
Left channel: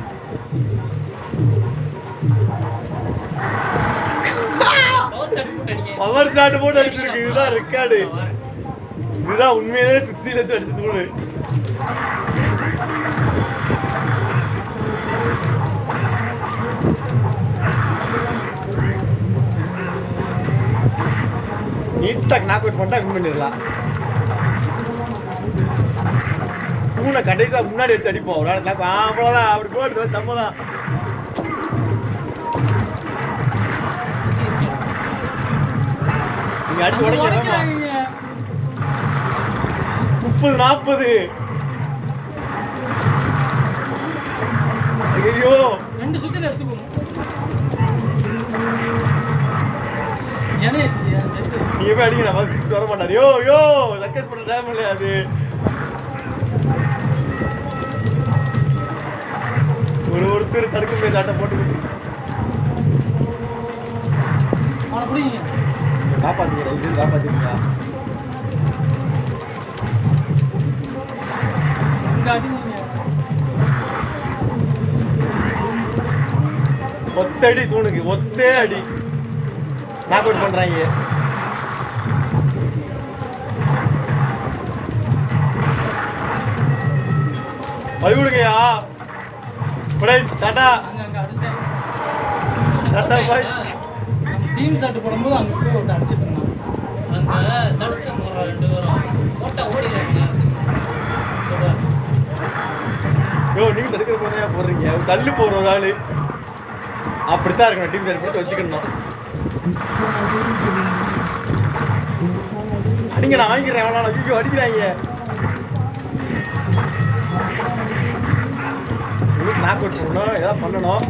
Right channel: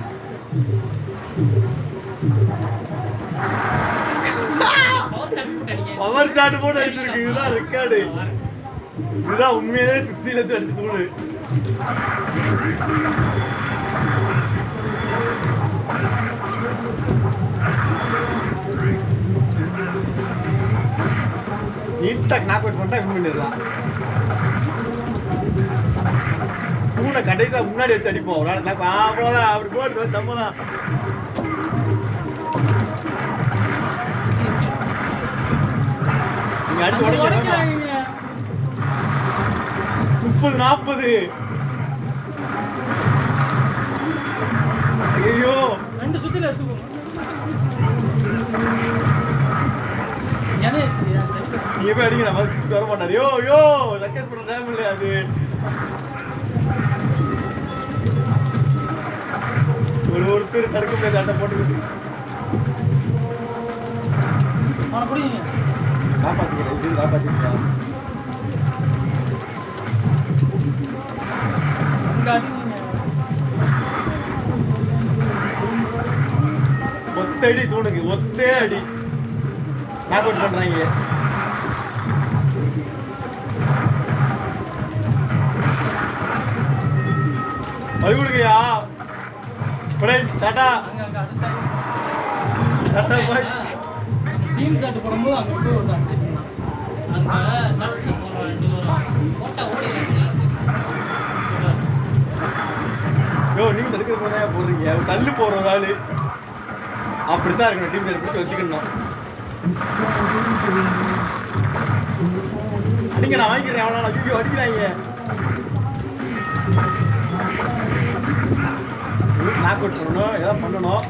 பவர் ஷாட் போட்டு அடிச்சிருக்கு இதுதான் ரெக்கார்டு இதுதான் உண்மையிலே சுத்தி வச்சு அடிச்சு சூடு. நீட்டா நாக் அவுட் பண்ணா வின் பண்ணிடலாம். பூனை கடைசியா முன்னாடி வச்சு அடிப்போம். ஒரு ஆள் நாக் அவ்வளோதான். அப்படி போட்டு சம்மதான். நீங்க அடிச்சு உடைக்கிறாங்க. 30-40. ஐயோ 2 சுத்தில எடுத்துக்கோங்க. நீ போய் அடிங்க. நம்ம சுத்தி வர மாட்டாரு. யோ யோ சக்கஸ் பண்ண டைம் இல்லை அது. ஒருத்தர் தடுக்க காட்ட போட்டு அவனை பிடிங்க. காப்பாத்துக்கிறேன். காப்பாத்துக்கிறா. இங்க அடிங்க. ஒத்தடி தூணுக்கு ஒத்தே அடி நாக் அவுட் பண்றாங்க. வழி கொடுங்கயா. டாடா டாடா பாய். டீம் ஷாட் போடும்போது அங்க போய் ஒன்று அடிச்சிட்டு இருந்தான். அந்த தடுக்கிற போற 2 பேரும் போட்டா ஓடிடுறாங்க. யோ நீங்க தடுக்கிற போதா போடுறீங்க. தள்ளி போற ஒரு ஆளு அப்படித்தான் இருக்கணும். டீம் சைடு போட்டு வச்சுக்கணும். அடிங்க நான் வாங்கிக்கிறேன். எவ்வளோ தூக்கி அடிக்கிறாங்க. நாக் அவுட் பண்ணணும். ஏதாவது பண்ணணும்.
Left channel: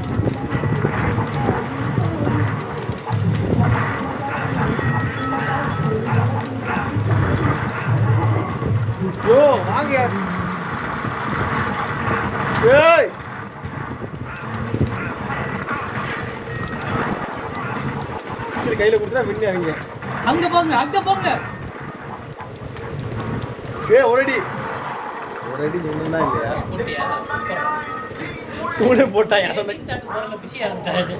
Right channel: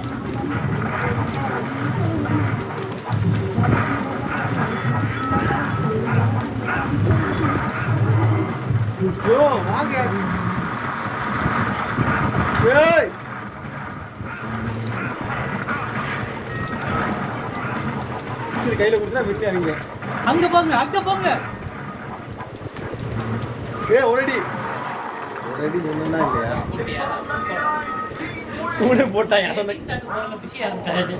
யோ வாங்க. ஏய் கையில கொடுத்தா விட்டு அவங்க அங்க போங்க, அங்க போங்க. ஒரு அடி சொன்னா இல்லையா? போட்டியா? கூட போட்டாங்க. அசந்த டீம் ஷாட் போறல பிஸியா இருக்காது.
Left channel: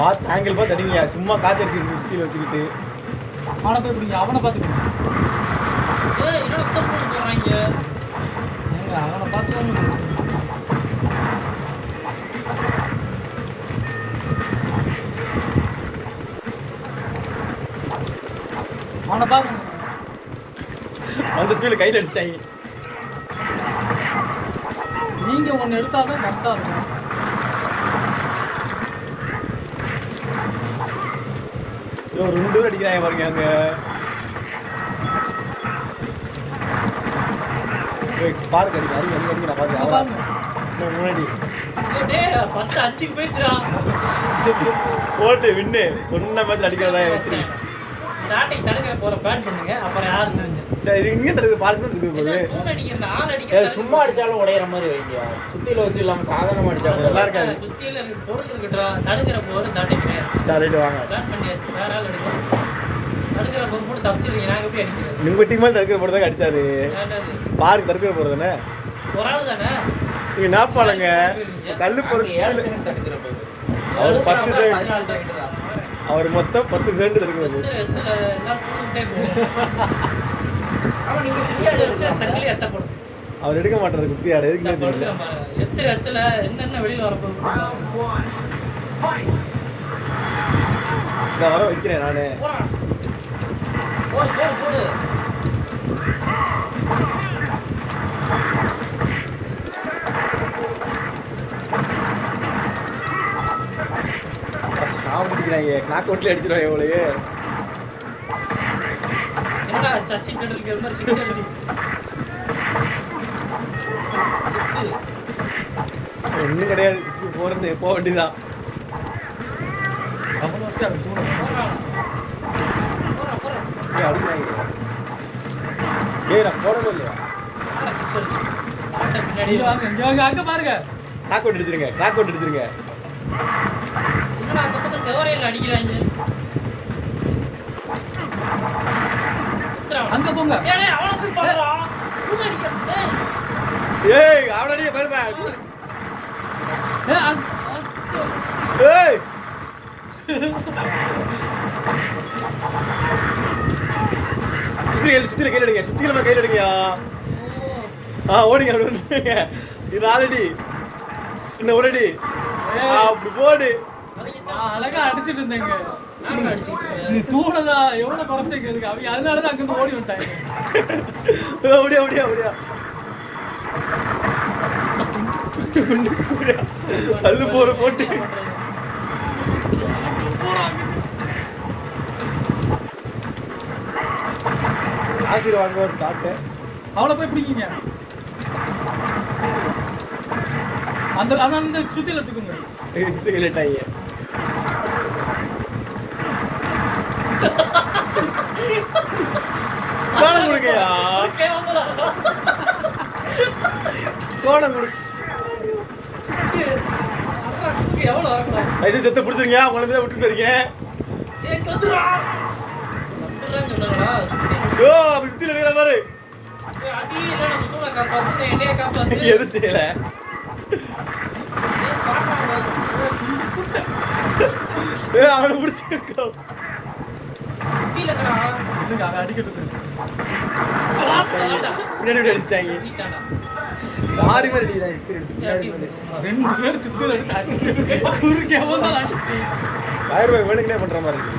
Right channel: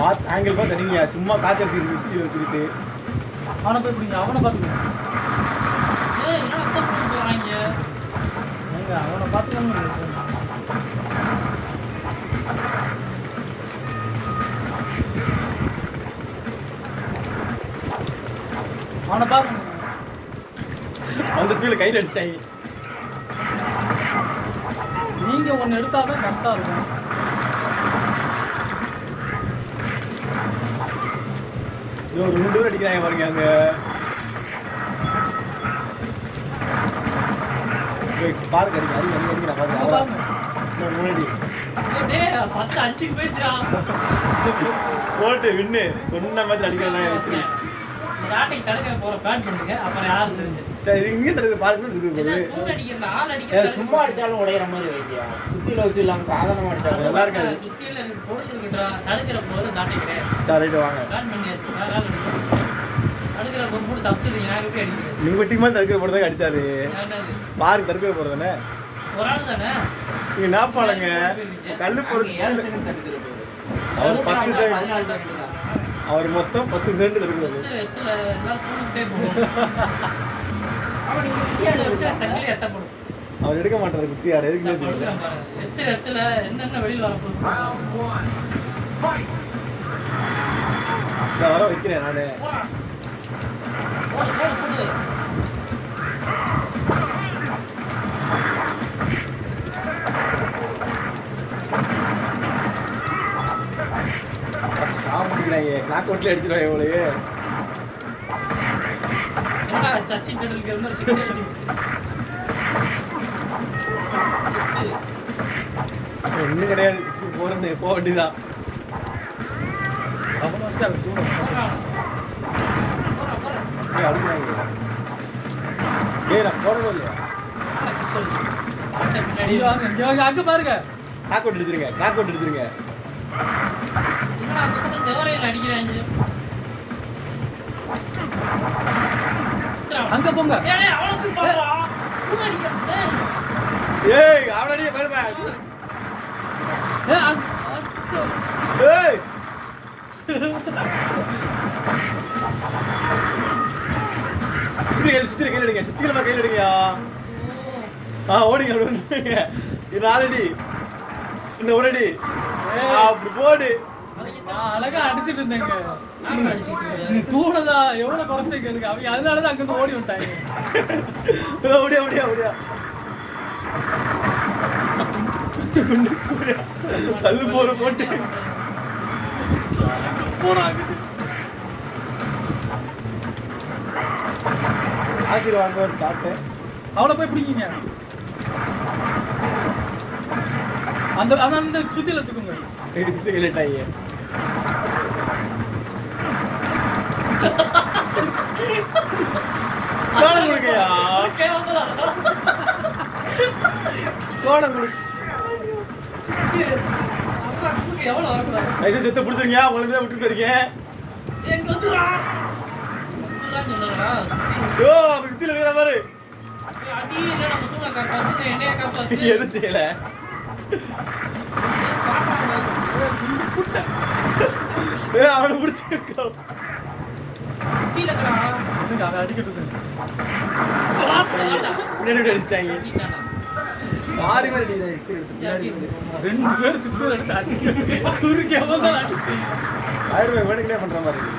பார்த்து ஆங்கிள் பார்த்து அடிங்க. சும்மா காத்தடிச்சு சுற்றி வச்சுக்கிட்டு அவனை போய் பிடிங்க. அவனை பார்த்துக்கோங்க. ஏய் என்ன அத்தம் போட்டு போறாங்க. எங்க அவனை பார்த்துக்கோங்க. அவனை பாருங்க. அந்த ஸ்பீடில் கையில் அடிச்சிட்டாங்க. நீங்க ஒன்று எடுத்தாதான் கரெக்டாக இருக்கும். ஒரு 2 பேர் அடிக்கிறாங்க பாருங்க. அங்கே பார்க் அடிக்க அடிக்க அடிக்க நான் பார்த்து அவ்வளோ முன்னாடி டேய் 10 5 போயிடுறான். போட்டு வின்னு சொன்ன மாதிரி அடிக்கிறதா வச்சு நாட்டை தடுக்க போற பிளான் பண்ணுங்க. அப்புறம் யாரு தெரிஞ்சு சரி இங்கே தடுக்க பார்த்து என்ன போகுது. தூண் அடிக்கிற ஆள் அடிக்கிற சும்மா அடிச்சாலும் உடையிற மாதிரி வைங்க. சுத்தியில வச்சு இல்லாம சாதாரணமா அடிச்சாலும் நல்லா இருக்காது. சுத்தியில பொருள் இருக்கட்டா தடுக்கிற போது நாட்டை கிடையாது. சரி ரைட்டு வாங்க. பிளான் பண்ணியாச்சு. வேற ஆள் எடுக்க தடுக்கிற போது கூட தப்பிச்சிருக்கீங்க. நாங்கள் எப்படி அடிக்கிறது? நீங்கள் டீமாக தடுக்கிற போகிறதாங்க அடிச்சாரு. வேண்டாது. பார்க் தடுக்கிற போகிறதானே ஒரு ஆள் தானே. நீங்கள் நாப்பாளங்க கல்லு போகிற 7 செகண்ட் தடுக்கிற போது அவர் 10 செகண்ட் 14 செகண்ட் தான். அவர் மொத்தம் 10 செகண்ட் தடுக்கிறது. எத்தனை எல்லாம் தூக்கிட்டே போவோம். அவன் நீங்க விளையாடு வச்சா சங்கிலி எத்தப்படும். அவர் எடுக்க மாட்டாரு குட்டி ஆடு. எதுக்குமே நான் தெரியல. படுக்கிறேன் பாரு. எத்தனை இடத்துல என்னென்ன வெளியில் வரப்போகுது. நான் வர வைக்கிறேன் நான். போறான். போடு போடு போடு. சாப்பிட்டுக்கிறாங்க. நாக்கு ஒட்டில் அடிச்சிடுவாங்க எவ்வளவு. என்ன சச்சின் டெண்டுல்கர் மாதிரி சிக்ஸ் அடிச்சு. ஒன்றும் கிடையாது. போகிறது போக வேண்டியதான். அடிக்கிறாங்க. நான் போடவே இல்லையா? இங்க வாங்க, இங்க வாங்க. அங்க பாருங்க. நாக்கு ஒட்டி அடிச்சிருங்க. நாக்கு ஒட்டி அடிச்சிருங்க. என்னடா அந்த பக்கம் செவரையில் அடிக்கிறாங்க. அங்க போங்க. ஏய் அவளை போய் பண்றான். அடிக்கிறான். ஏய் அவனடியே பேருப்பா. ஏய் சுத்தில கையில் எடுங்க சுத்தில கையில் எடுங்கயா ஓடுங்க அப்படி வந்துருங்க இது 4 அடி இன்னும் 1 அடி அப்படி போடு அழகா அடிச்சிட்டு இருந்தேங்க தூணதா எவ்வளவு குறைச்சிட்டு இருக்கு அவங்க அதனாலதான் அங்கிருந்து ஓடி விட்டாங்க அப்படியா அப்படியா அப்படியா அது போற போட்டு ஆசீர்வாங்க ஒரு சாப்பிட்டு அவளை போய் பிடிக்கீங்க அந்த சுத்தில தூக்குங்க இல்லட்டாயே கோணம் கொடுங்கயா கோணம் கொடு எவ்வளோ வரக்கூடாது ஐயோ செத்து பிடிச்சிருங்க உங்களை தான் விட்டு போயிருங்க எங்க வந்துடுறான் சொன்னாங்களா யோ வித்தில இருக்கிற பாரு அடி இல்லை நம்ம தூணை காப்பாற்று என்னைய காப்பாற்று எது தெரியல அவனை பிடிச்சிருக்கோ அடிச்சிட்டாங்க யாரு மாதிரி ரெண்டு பேர் சுத்தி எடுத்தாங்க வேணுங்கன்னே பண்ற மாதிரி இருக்கு